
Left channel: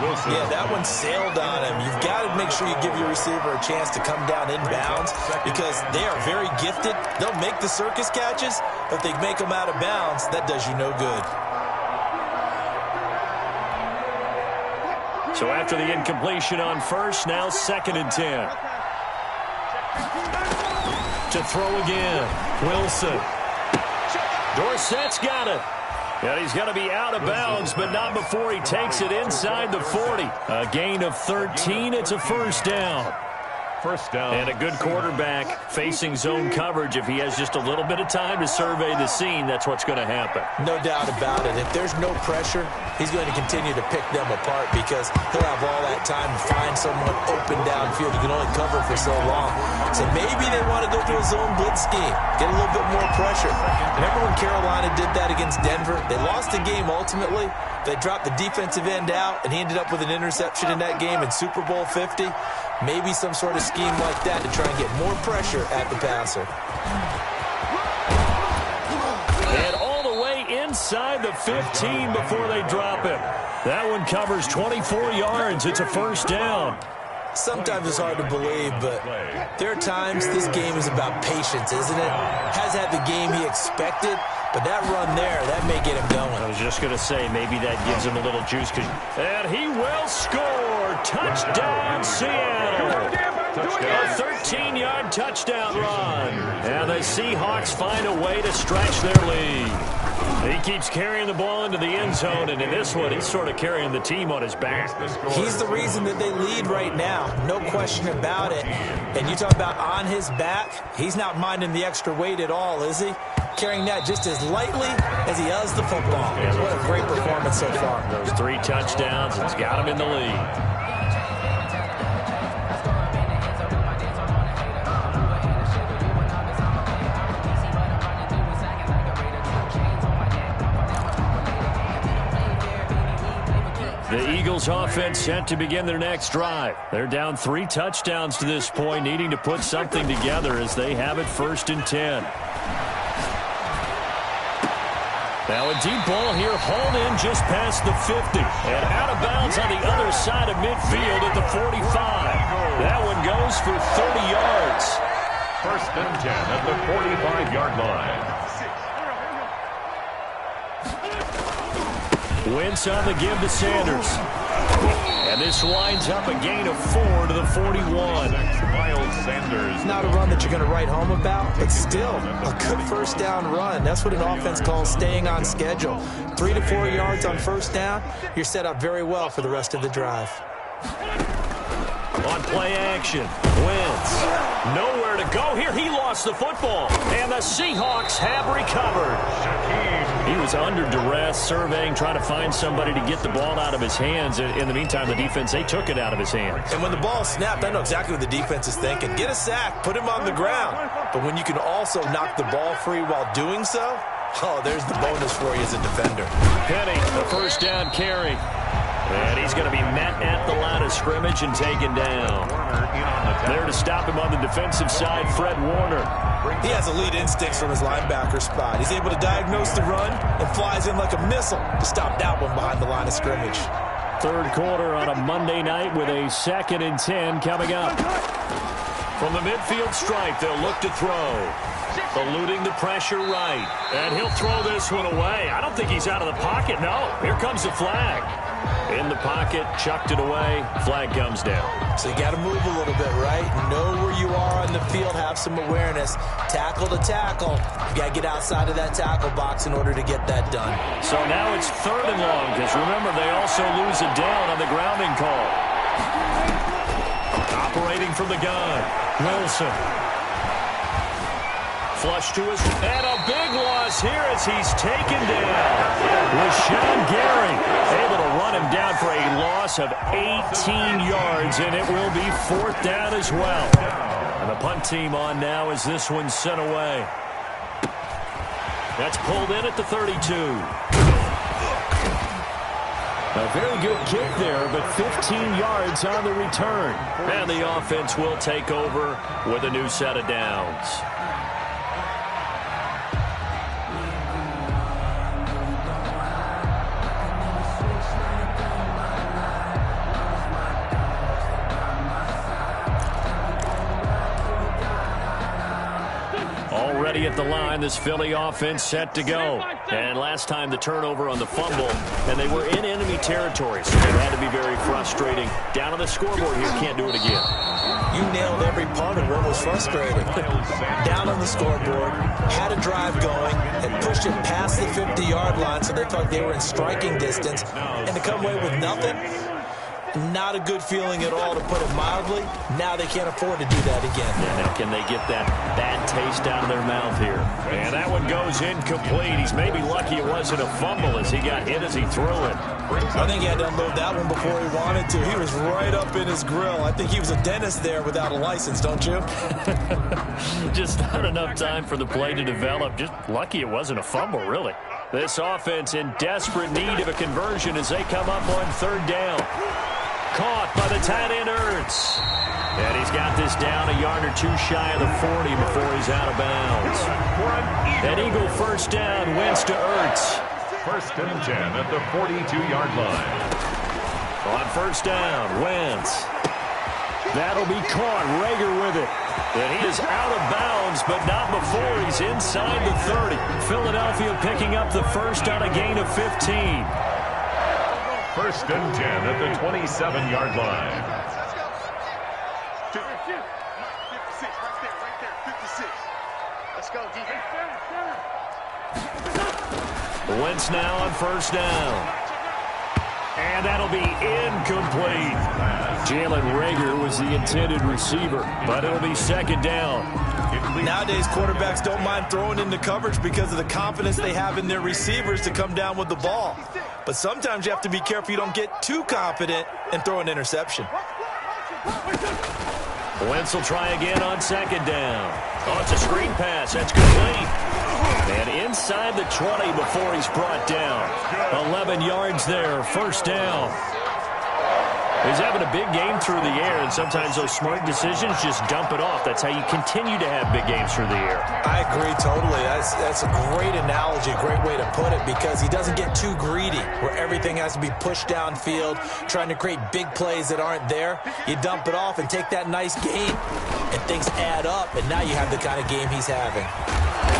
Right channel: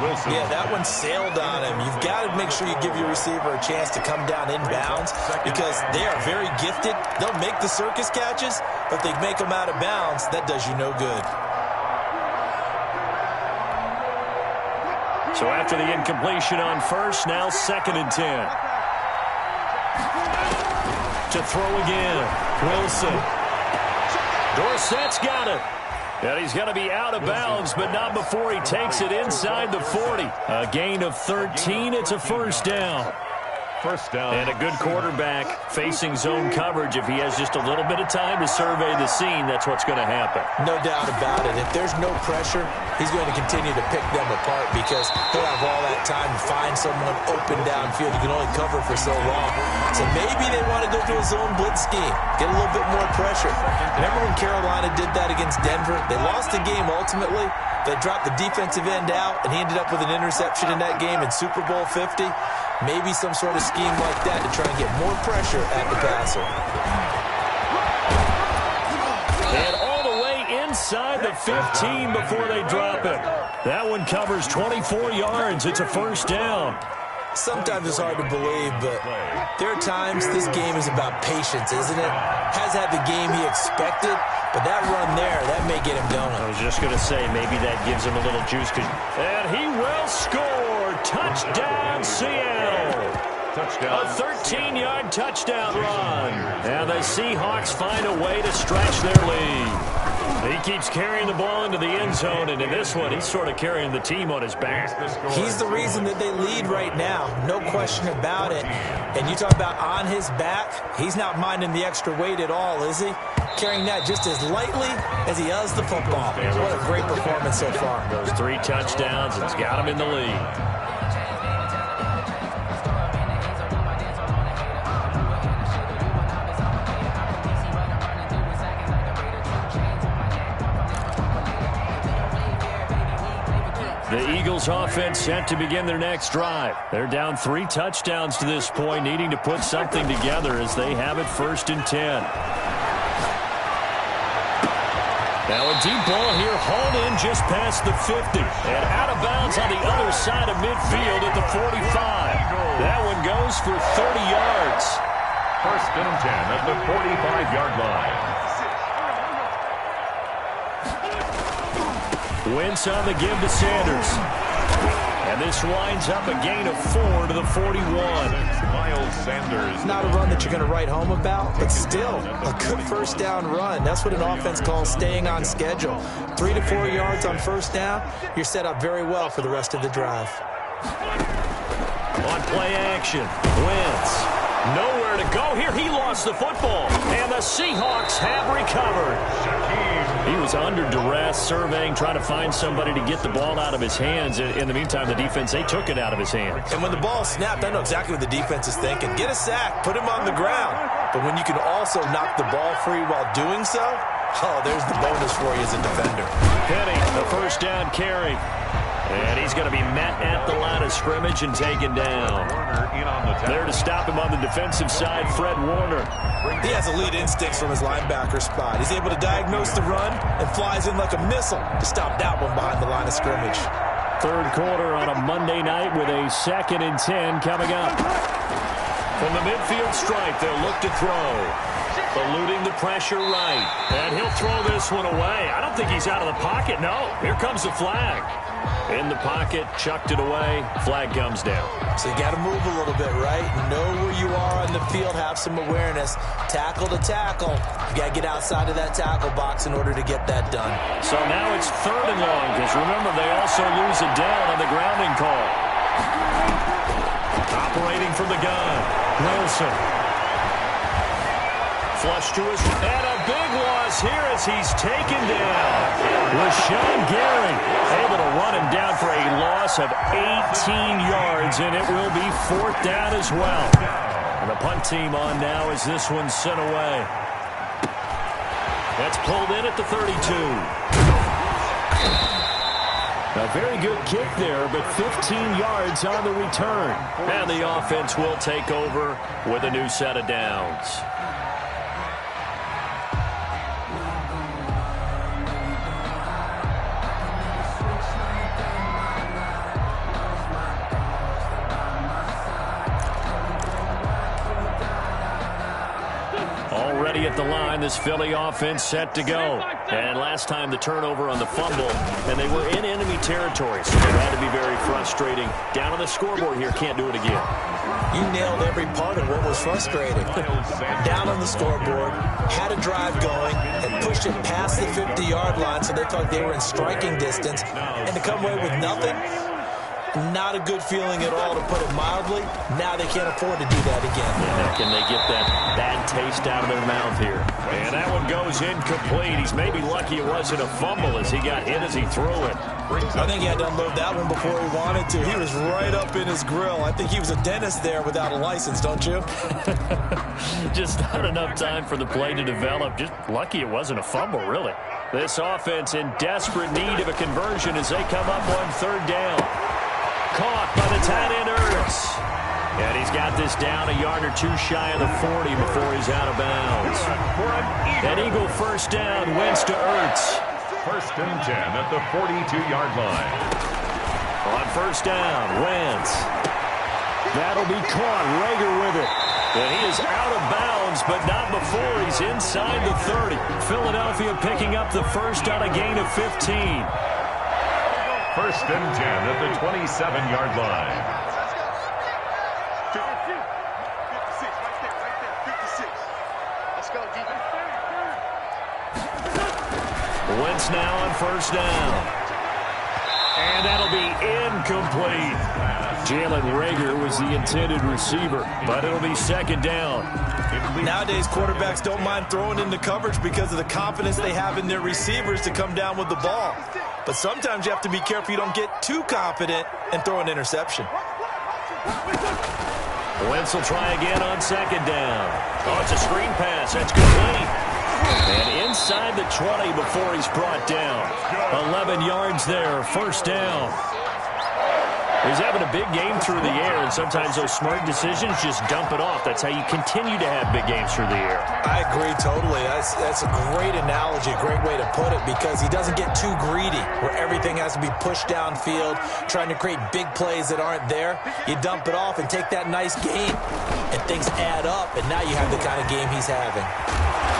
Wilson. Yeah, that one sailed on him. You've got to make sure you give your receiver a chance to come down inbounds because they are very gifted. They'll make the circus catches, but if they make them out of bounds, that does you no good. So after the incompletion on first, now 2nd and 10. To throw again, Wilson. Dorsett's got it. And he's going to be out of bounds, but not before he takes it inside the 40. A gain of 13. It's a first down. First down. And a good quarterback facing zone coverage. If he has just a little bit of time to survey the scene, that's what's going to happen. No doubt about it. If there's no pressure, he's going to continue to pick them apart because he'll have all that time to find someone open downfield. You can only cover for so long. So maybe they want to go to a zone blitz scheme, get a little bit more pressure. Remember when Carolina did that against Denver? They lost the game ultimately. They dropped the defensive end out, and he ended up with an interception in that game in Super Bowl 50. Maybe some sort of scheme like that to try and get more pressure at the passer. And all the way inside the 15 before they drop it. That one covers 24 yards. It's a first down. Sometimes it's hard to believe, but there are times this game is about patience, isn't it? Has had the game he expected, but that run there, that may get him going. I was just going to say, maybe that gives him a little juice. And he will score. Touchdown, Seattle. Touchdown. A 13-yard touchdown run. And the Seahawks find a way to stretch their lead. He keeps carrying the ball into the end zone, and in this one, he's sort of carrying the team on his back. He's the reason that they lead right now, no question about it. And you talk about on his back, he's not minding the extra weight at all, is he? Carrying that just as lightly as he does the football. What a great performance so far. Those 3 touchdowns, it's got him in the lead. The Eagles offense set to begin their next drive. They're down 3 touchdowns to this point, needing to put something together as they have it 1st and 10. Now a deep ball here, hauled in just past the 50. And out of bounds on the other side of midfield at the 45. That one goes for 30 yards. 1st and 10 at the 45-yard line. Wentz on the give to Sanders. And this winds up a gain of 4 to the 41. Miles Sanders. Not a run that you're going to write home about, but still a good first down run. That's what an offense calls staying on schedule. 3 to 4 yards on first down, you're set up very well for the rest of the drive. On play action, Wentz. Nowhere to go here. He lost the football. And the Seahawks have recovered. He was under duress, surveying, trying to find somebody to get the ball out of his hands. In the meantime, the defense, they took it out of his hands. And when the ball snapped, I know exactly what the defense is thinking. Get a sack, put him on the ground. But when you can also knock the ball free while doing so, oh, there's the bonus for you as a defender. Penny, the first down carry. And he's going to be met at the line of scrimmage and taken down. There to stop him on the defensive side, Fred Warner. He has elite instincts from his linebacker spot. He's able to diagnose the run and flies in like a missile to stop that one behind the line of scrimmage. 3rd quarter on a Monday night with a 2nd and 10 coming up. From the midfield stripe, they'll look to throw. Eluding the pressure right. And he'll throw this one away. I don't think he's out of the pocket. No, here comes the flag. In the pocket, chucked it away. Flag comes down. So you got to move a little bit, right? Know where you are on the field, have some awareness. Tackle to tackle. You got to get outside of that tackle box in order to get that done. So now it's 3rd and long, because remember, they also lose a down on the grounding call. Operating from the gun, Wilson. flush to his, and a big loss here as he's taken down. Rashawn Gary able to run him down for a loss of 18 yards, and it will be 4th down as well. And the punt team on now as this one's sent away. That's pulled in at the 32. A very good kick there, but 15 yards on the return. And the offense will take over with a new set of downs. Already at the line, this Philly offense set to go. And last time the turnover on the fumble, and they were in enemy territory, so it had to be very frustrating. Down on the scoreboard here, can't do it again. You nailed every part of what was frustrating. Down on the scoreboard, had a drive going, and pushed it past the 50-yard line so they thought they were in striking distance, and to come away with nothing, not a good feeling at all, to put it mildly. Now they can't afford to do that again. Yeah, now can they get that bad taste out of their mouth here? And that one goes incomplete. He's maybe lucky it wasn't a fumble as he got hit as he threw it. I think he had to unload that one before he wanted to. He was right up in his grill. I think he was a dentist there without a license, don't you? Just not enough time for the play to develop. Just lucky it wasn't a fumble, really. This offense in desperate need of a conversion as they come up on 3rd down. Caught by the tight end, Ertz. And he's got this down a yard or two shy of the 40 before he's out of bounds. An Eagle 1st down, Wentz to Ertz. 1st and 10 at the 42-yard line. On 1st down, Wentz. That'll be caught. Rager with it. And he is out of bounds, but not before he's inside the 30. Philadelphia picking up the first on a gain of 15. 1st and 10 at the 27-yard line. 56, right there, 56. Let's go, defense. Wentz now on 1st down. And that'll be incomplete. Jalen Rager was the intended receiver, but it'll be 2nd down. Nowadays, quarterbacks don't mind throwing into coverage because of the confidence they have in their receivers to come down with the ball. But sometimes you have to be careful you don't get too confident and throw an interception. Wentz will try again on 2nd down. Oh, it's a screen pass. That's complete. And inside the 20 before he's brought down. 11 yards there, 1st down. He's having a big game through the air, and sometimes those smart decisions just dump it off. That's how you continue to have big games through the air. I agree totally. That's a great analogy, a great way to put it, because he doesn't get too greedy where everything has to be pushed downfield, trying to create big plays that aren't there. You dump it off and take that nice gain, and things add up, and now you have the kind of game he's having.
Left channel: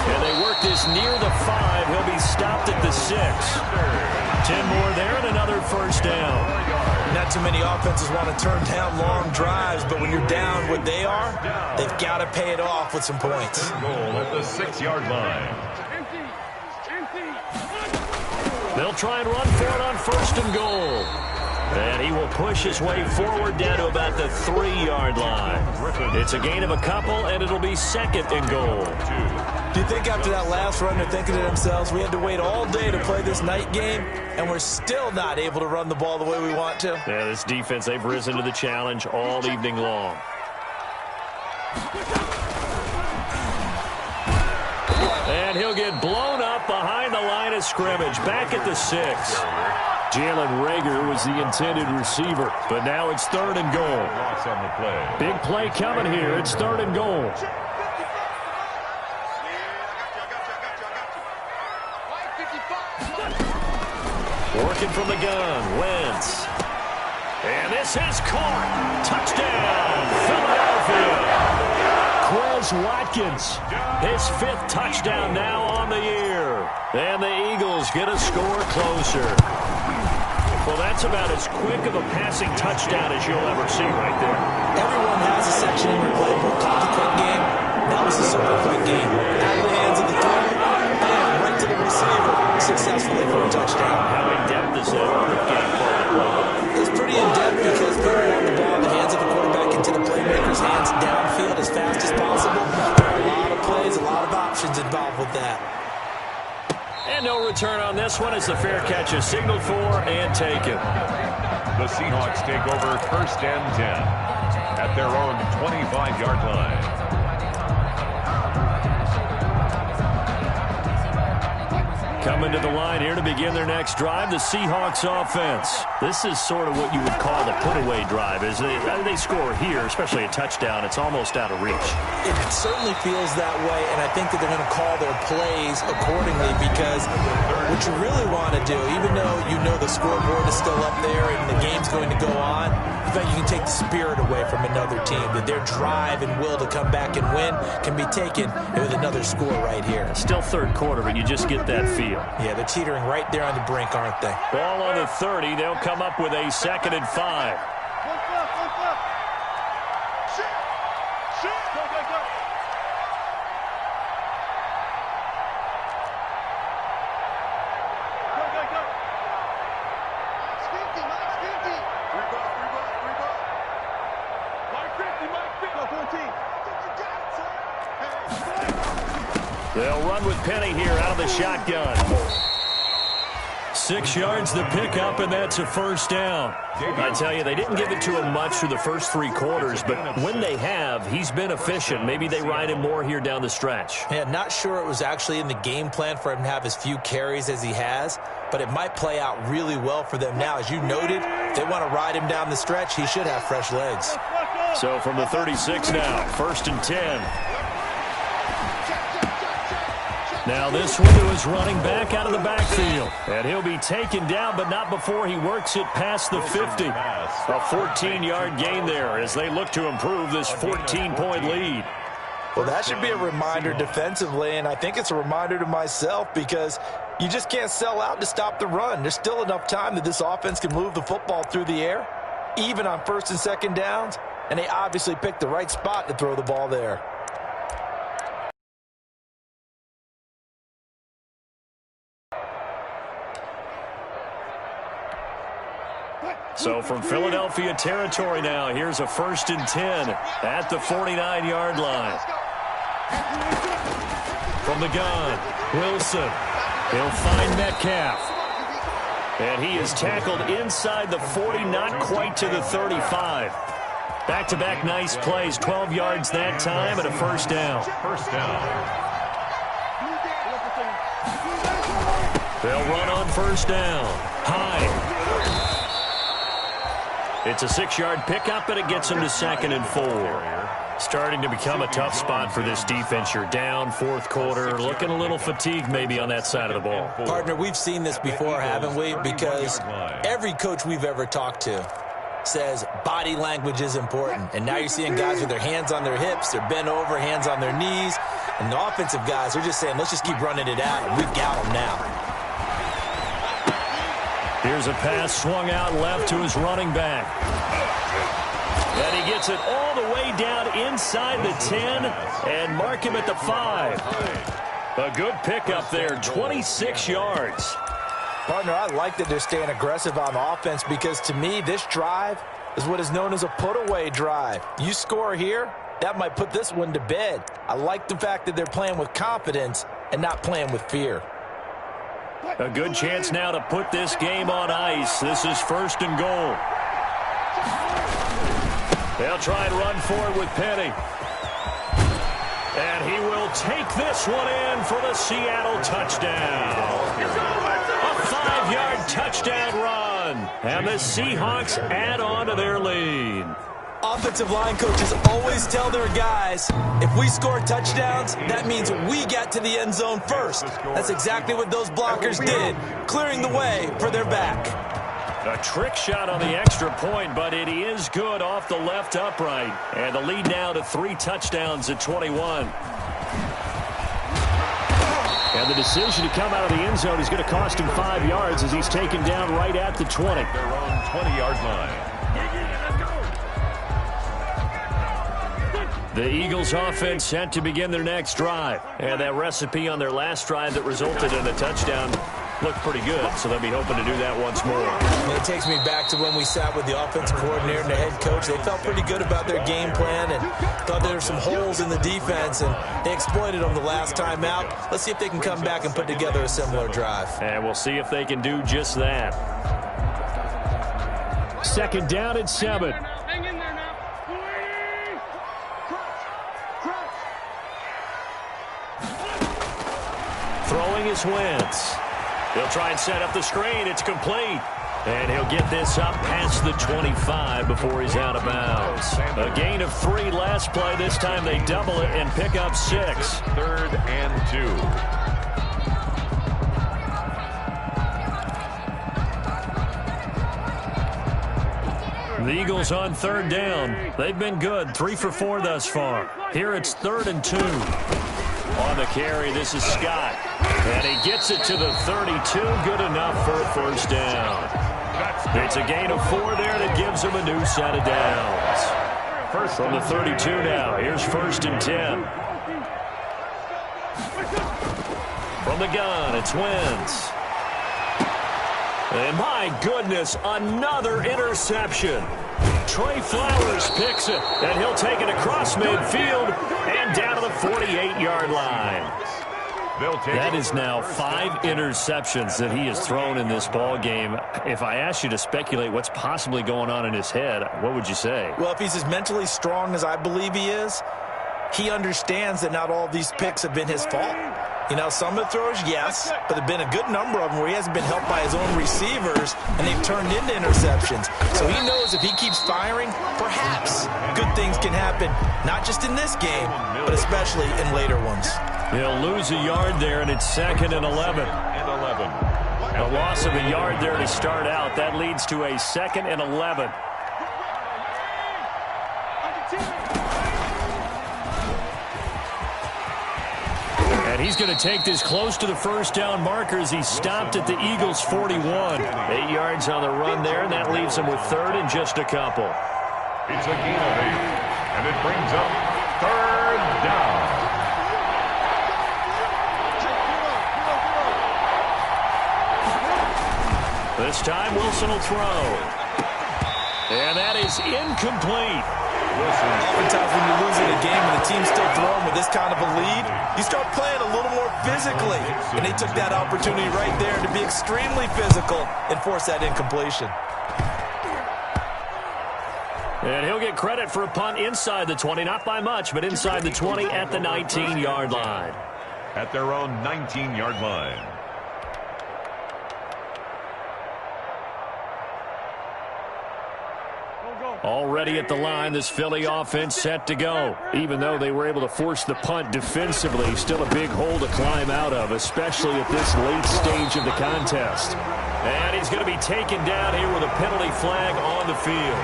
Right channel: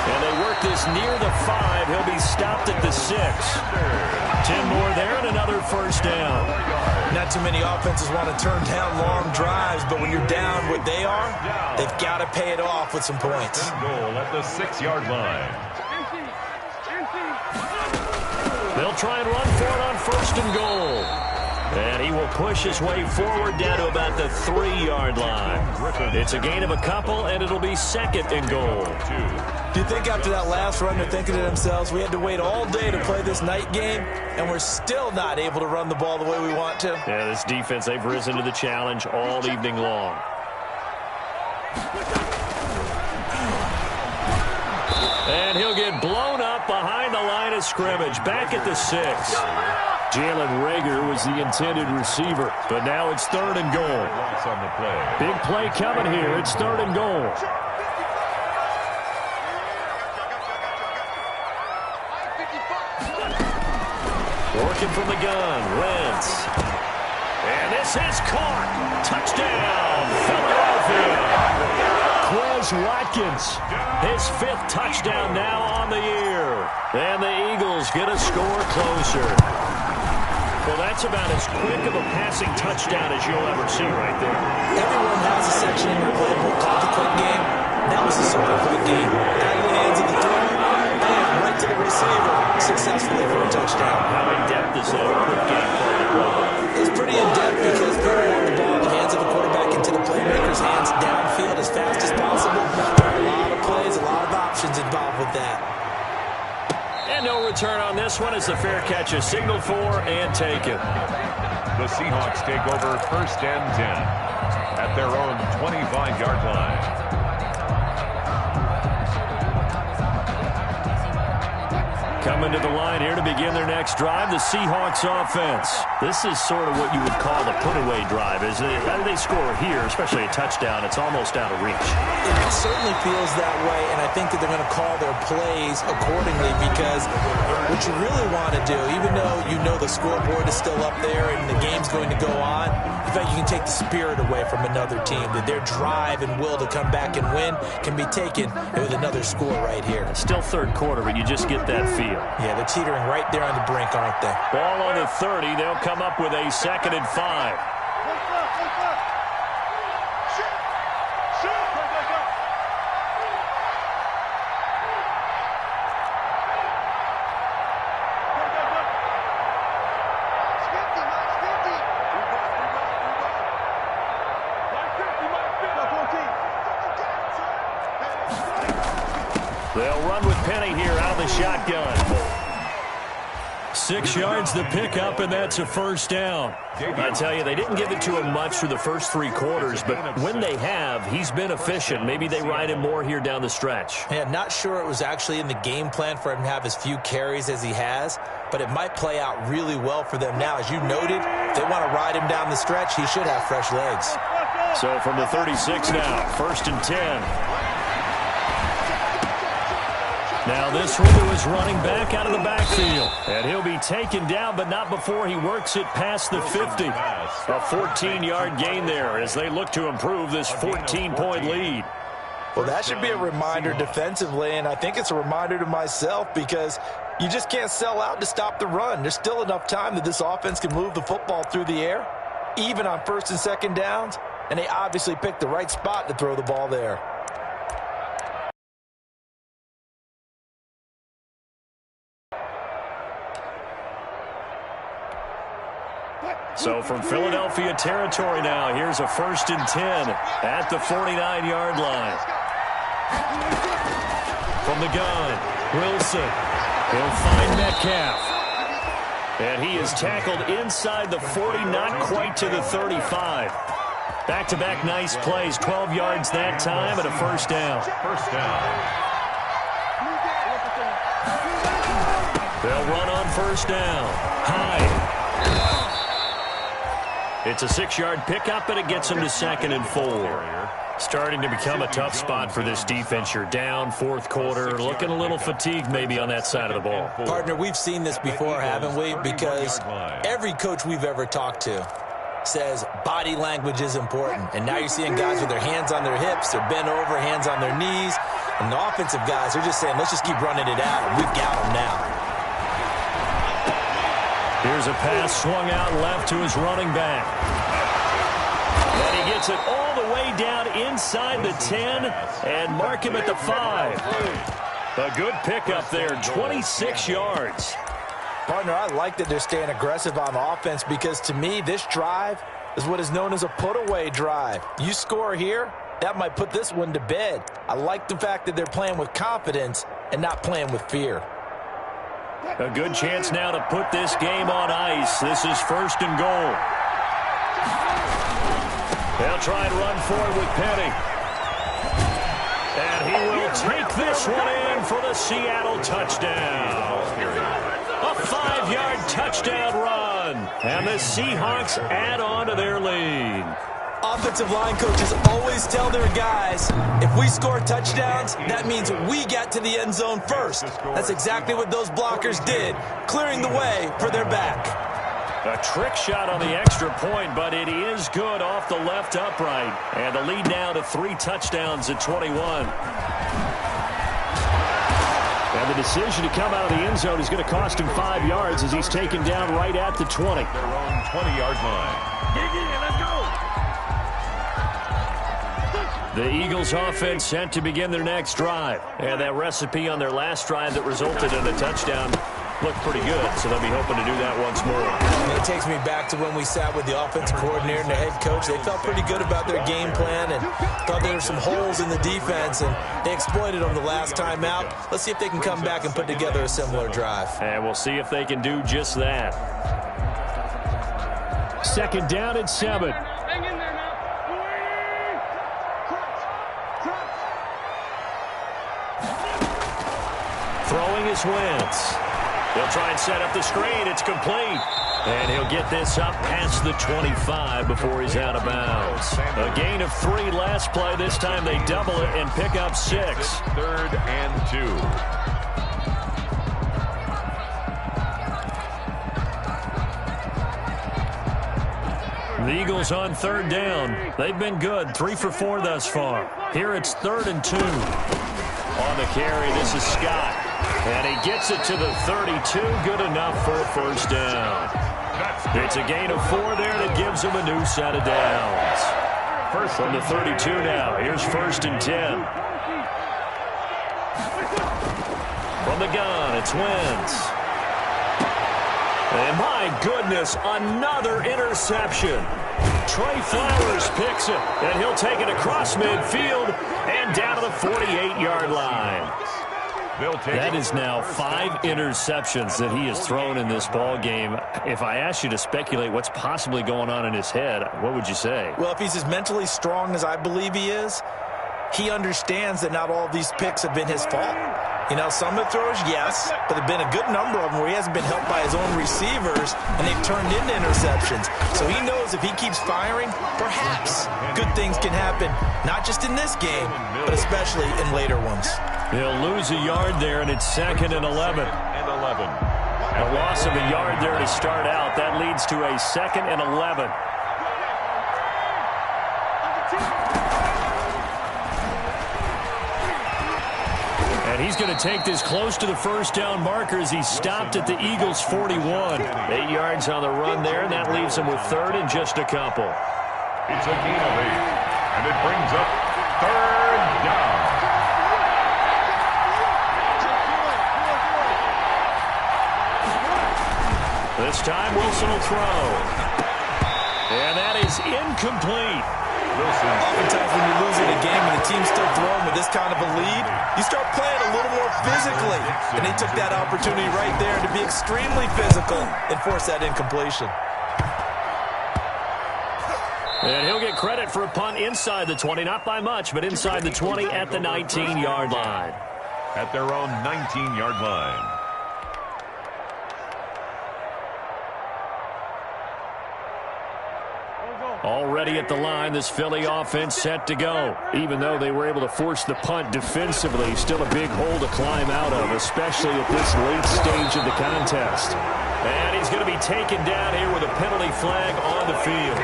And they work this near the 5. He'll be stopped at the 6. 10 more there and another 1st down. Not too many offenses want to turn down long drives, but when you're down what they are, they've got to pay it off with some points. Goal at the 6-yard line. They'll try and run for it on 1st and goal. And he will push his way forward down to about the 3-yard line. It's a gain of a couple, and it'll be 2nd and goal. Do you think after that last run they're thinking to themselves, we had to wait all day to play this night game, and we're still not able to run the ball the way we want to? Yeah, this defense, they've risen to the challenge all evening long. And he'll get blown up behind the line of scrimmage, back at the 6. Jalen Rager was the intended receiver, but now it's 3rd and goal. Loss on the play. Big play coming here. It's 3rd and goal. Working from the gun, Wentz. And this is caught. Touchdown, Philadelphia. Quez Watkins, his 5th touchdown now on the year. And the Eagles get a score closer. Well, that's about as quick of a passing touchdown as you'll ever see right there. Everyone has a section in their playbook called the quick game. That was a super quick game. Out of the hands of the thrower, bam, right to the receiver, successfully for a touchdown. How in-depth is that quick game part of the playbook? It's pretty in-depth because people want the ball in the hands of the quarterback into the playmaker's hands downfield as fast as possible. There are a lot of plays, a lot of options. interceptions involved with that. And no return on this one as the fair catch is signaled for and taken. The Seahawks take over 1st and 10 at their own 25-yard line. Coming to the line here to begin their next drive, the Seahawks offense. This is sort of what you would call the put-away drive. As they score here, especially a touchdown, it's almost out of reach. It certainly feels that way, and I think that they're going to call their plays accordingly because what you really want to do, even though you know the scoreboard is still up there and the game's going to go on, in fact, you can take the spirit away from another team, that their drive and will to come back and win can be taken with another score right here. It's still third quarter, but you just get that feel. Yeah, they're teetering right there on the brink, aren't they? Ball on the 30. They'll come up with a 2nd and 5. Shoot! Go, go, go! Go, go, go! Mike's 50, Mike's 50! Three ball. Mike 50, Mike 50! No, 14. You got it, son! Hey, They'll run with Penny here out of the shotgun. 6 yards the pickup, and that's a 1st down. I tell you, they didn't give it to him much through the first 3 quarters, but when they have, he's been efficient. Maybe they ride him more here down the stretch. Yeah, not sure it was actually in the game plan for him to have as few carries as he has, but it might play out really well for them now. As you noted, if they want to ride him down the stretch, he should have fresh legs. So from the 36 now, 1st and 10. Now this one to his running back out of the backfield. And he'll be taken down, but not before he works it past the 50. A 14-yard gain there as they look to improve this 14-point lead. Well, that should be a reminder defensively, and I think it's a reminder to myself because you just can't sell out to stop the run. There's still enough time that this offense can move the football through the air, even on 1st and 2nd downs, and they obviously picked the right spot to throw the ball there. So from Philadelphia territory now, here's a 1st and 10 at the 49-yard line. From the gun, Wilson. He'll find Metcalf. And he is tackled inside the 40, not quite to the 35. Back-to-back nice plays, 12 yards that time and a 1st down. They'll run on 1st down. High. It's a 6-yard pickup, and it gets him to 2nd and 4. Starting to become a tough spot for this defense. You're down 4th quarter, looking a little fatigued maybe on that side of the ball. Partner, we've seen this before, haven't we? Because every coach we've ever talked to says body language is important. And now you're seeing guys with their hands on their hips, they're bent over, hands on their knees. And the offensive guys are just saying, let's just keep running it at them. We've got them now. Here's a pass swung out left to his running back. And he gets it all the way down inside the 10 and mark him at the 5. A good pickup there, 26 yards. Partner, I like that they're staying aggressive on offense because to me, this drive is what is known as a put-away drive. You score here, that might put this one to bed. I like the fact that they're playing with confidence and not playing with fear. A good chance now to put this game on ice. This is 1st and goal. They'll try and run forward with Penny. And he will take this one in for the Seattle touchdown. A 5-yard touchdown run. And the Seahawks add on to their lead. Offensive line coaches always tell their guys, if we score touchdowns, that means we get to the end zone first. That's exactly what those blockers did, clearing the way for their back. A trick shot on the extra point, but it is good off the left upright. And the lead now to 3 touchdowns at 21. And the decision to come out of the end zone is going to cost him 5 yards as he's taken down right at the 20. Their own 20-yard line. Let's go! The Eagles offense set to begin their next drive. And that recipe on their last drive that resulted in a touchdown looked pretty good, so they'll be hoping to do that once more. And it takes me back to when we sat with the offensive coordinator and the head coach. They felt pretty good about their game plan and thought there were some holes in the defense, and they exploited them the last time out. Let's see if they can come back and put together a similar drive. And we'll see if they can do just that. 2nd down and 7. Hang in there now. Throwing is Wentz. He'll try and set up the screen. It's complete. And he'll get this up past the 25 before he's out of bounds. A gain of 3 last play. This time they double it and pick up 6. 3rd and 2. The Eagles on 3rd down. They've been good, 3 for 4 thus far. Here it's 3rd and 2. On the carry, this is Scott. And he gets it to the 32. Good enough for a 1st down. It's a gain of 4 there that gives him a new set of downs. First from the 32 now. Here's 1st and 10. From the gun, it's Wentz. And my goodness, another interception. Trey Flowers picks it, and he'll take it across midfield and down to the 48-yard line. That is now 5 interceptions that he has thrown in this ball game. If I asked you to speculate what's possibly going on in his head, what would you say? Well, if he's as mentally strong as I believe he is, he understands that not all of these picks have been his fault. You know, some of the throws, yes, but there have been a good number of them where he hasn't been helped by his own receivers, and they've turned into interceptions. So he knows if he keeps firing, perhaps good things can happen, not just in this game, but especially in later ones. He'll lose a yard there, and it's 2nd and 11. A loss of a yard there to start out. That leads to a 2nd and 11. And he's going to take this close to the 1st down marker as he stopped at the Eagles' 41. 8 yards on the run there, and that leaves him with 3rd and just a couple. It's a gain of 8, and it brings up 3rd down. This time Wilson will throw. And that is incomplete. Oftentimes when you're losing a game and the team's still throwing with this kind of a lead, you start playing a little more physically. And they took that opportunity right there to be extremely physical and force that incompletion. And he'll get credit for a punt inside the 20, not by much, but inside the 20 at the 19-yard line. At their own 19-yard line. Already at the line, this Philly offense set to go. Even though they were able to force the punt defensively, still a big hole to climb out of, especially at this late stage of the contest. And he's going to be taken down here with a penalty flag on the field.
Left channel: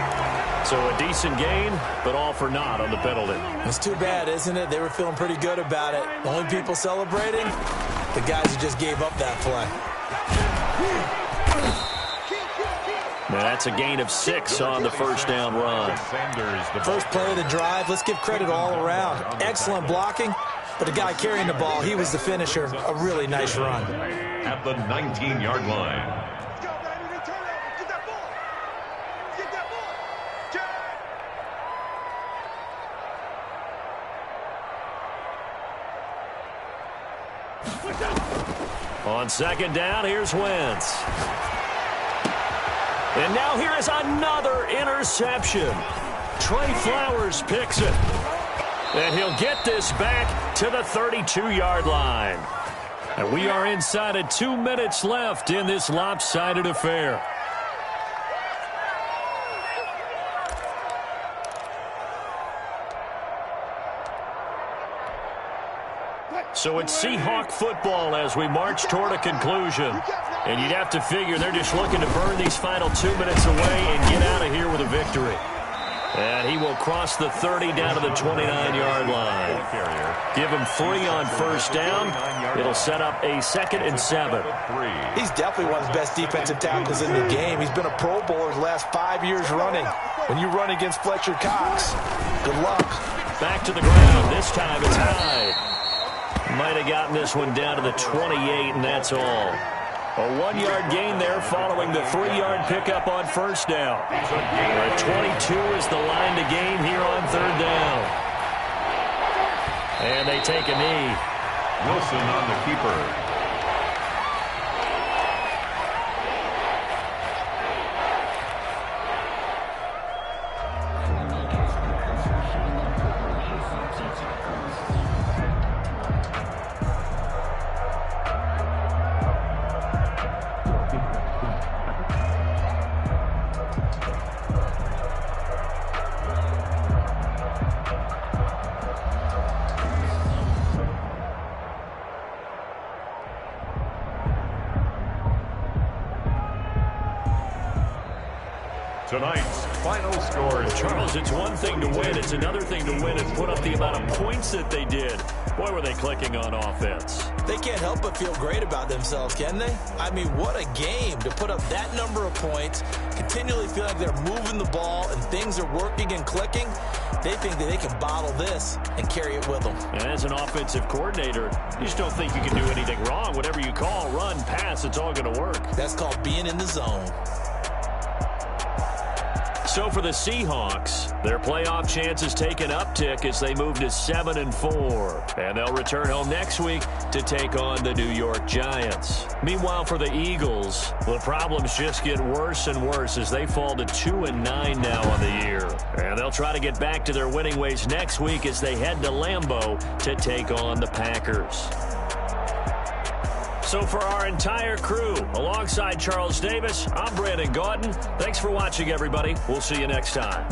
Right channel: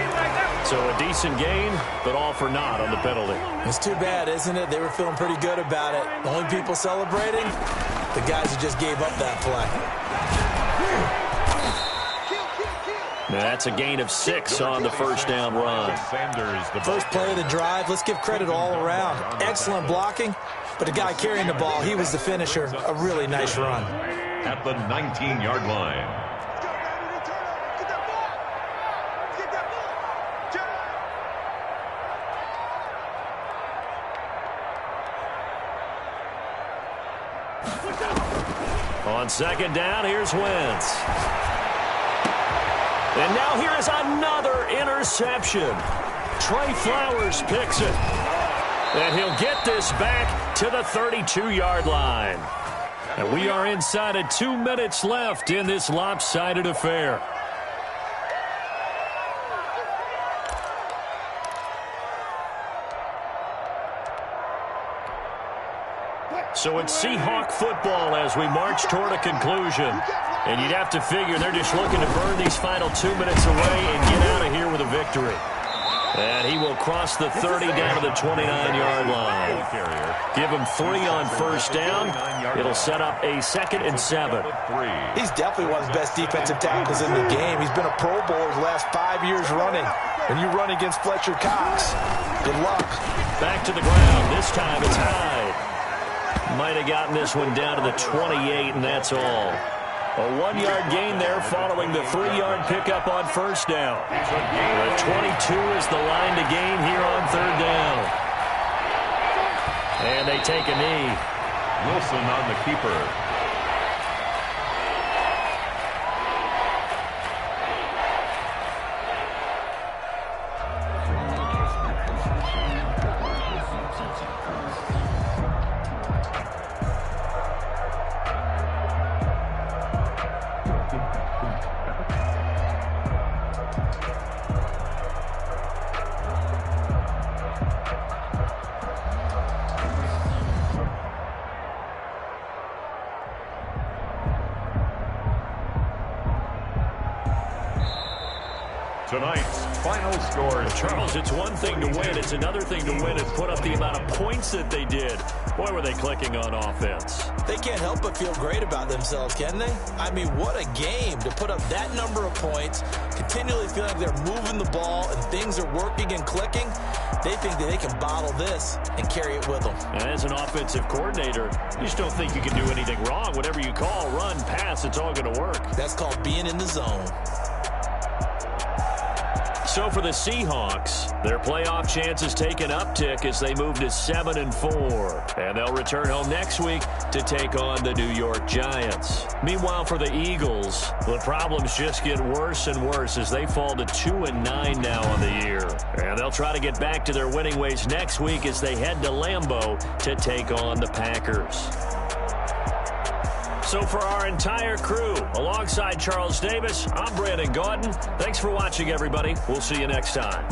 So a decent gain, but all for naught on the penalty. It's too bad, isn't it? They were feeling pretty good about it. The only people celebrating, the guys who just gave up that play. Now that's a gain of 6 on the 1st down run. First play of the drive, let's give credit all around. Excellent blocking, but the guy carrying the ball, he was the finisher. A really nice run. At the 19-yard line. Let's go, baby. Turnover. Get that ball. Get that ball. On 2nd down, here's Wentz. And now here is another interception. Trey Flowers picks it. And he'll get this back to the 32-yard line. And we are inside of 2 minutes left in this lopsided affair. So it's Seahawk football as we march toward a conclusion. And you'd have to figure they're just looking to burn these final 2 minutes away and get out of here with a victory. And he will cross the 30 down to the 29-yard line. Give him 3 on 1st down. It'll set up a 2nd and 7. He's definitely one of the best defensive tackles in the game. He's been a Pro Bowler the last 5 years running. When you run against Fletcher Cox, good luck. Back to the ground. This time it's Hyde. Might have gotten this one down to the 28, and that's all. A 1-yard gain there following the 3-yard pickup on first down. At 22 is the line to gain here on third down. And they take a knee. Wilson on the keeper. Tonight's final score. Charles, it's one thing to win. It's another thing to win and put up the amount of points that they did. Boy, were they clicking on offense. They can't help but feel great about themselves, can they? I mean, what a game to put up that number of points, continually feel like they're moving the ball and things are working and clicking. They think that they can bottle this and carry it with them. And as an offensive coordinator, you just don't think you can do anything wrong. Whatever you call, run, pass, it's all going to work. That's called being in the zone. So for the Seahawks, their playoff chances take an uptick as they move to 7-4. And they'll return home next week to take on the New York Giants. Meanwhile, for the Eagles, the problems just get worse and worse as they fall to 2-9 now on the year. And they'll try to get back to their winning ways next week as they head to Lambeau to take on the Packers. So for our entire crew, alongside Charles Davis, I'm Brandon Gaudin. Thanks for watching, everybody. We'll see you next time.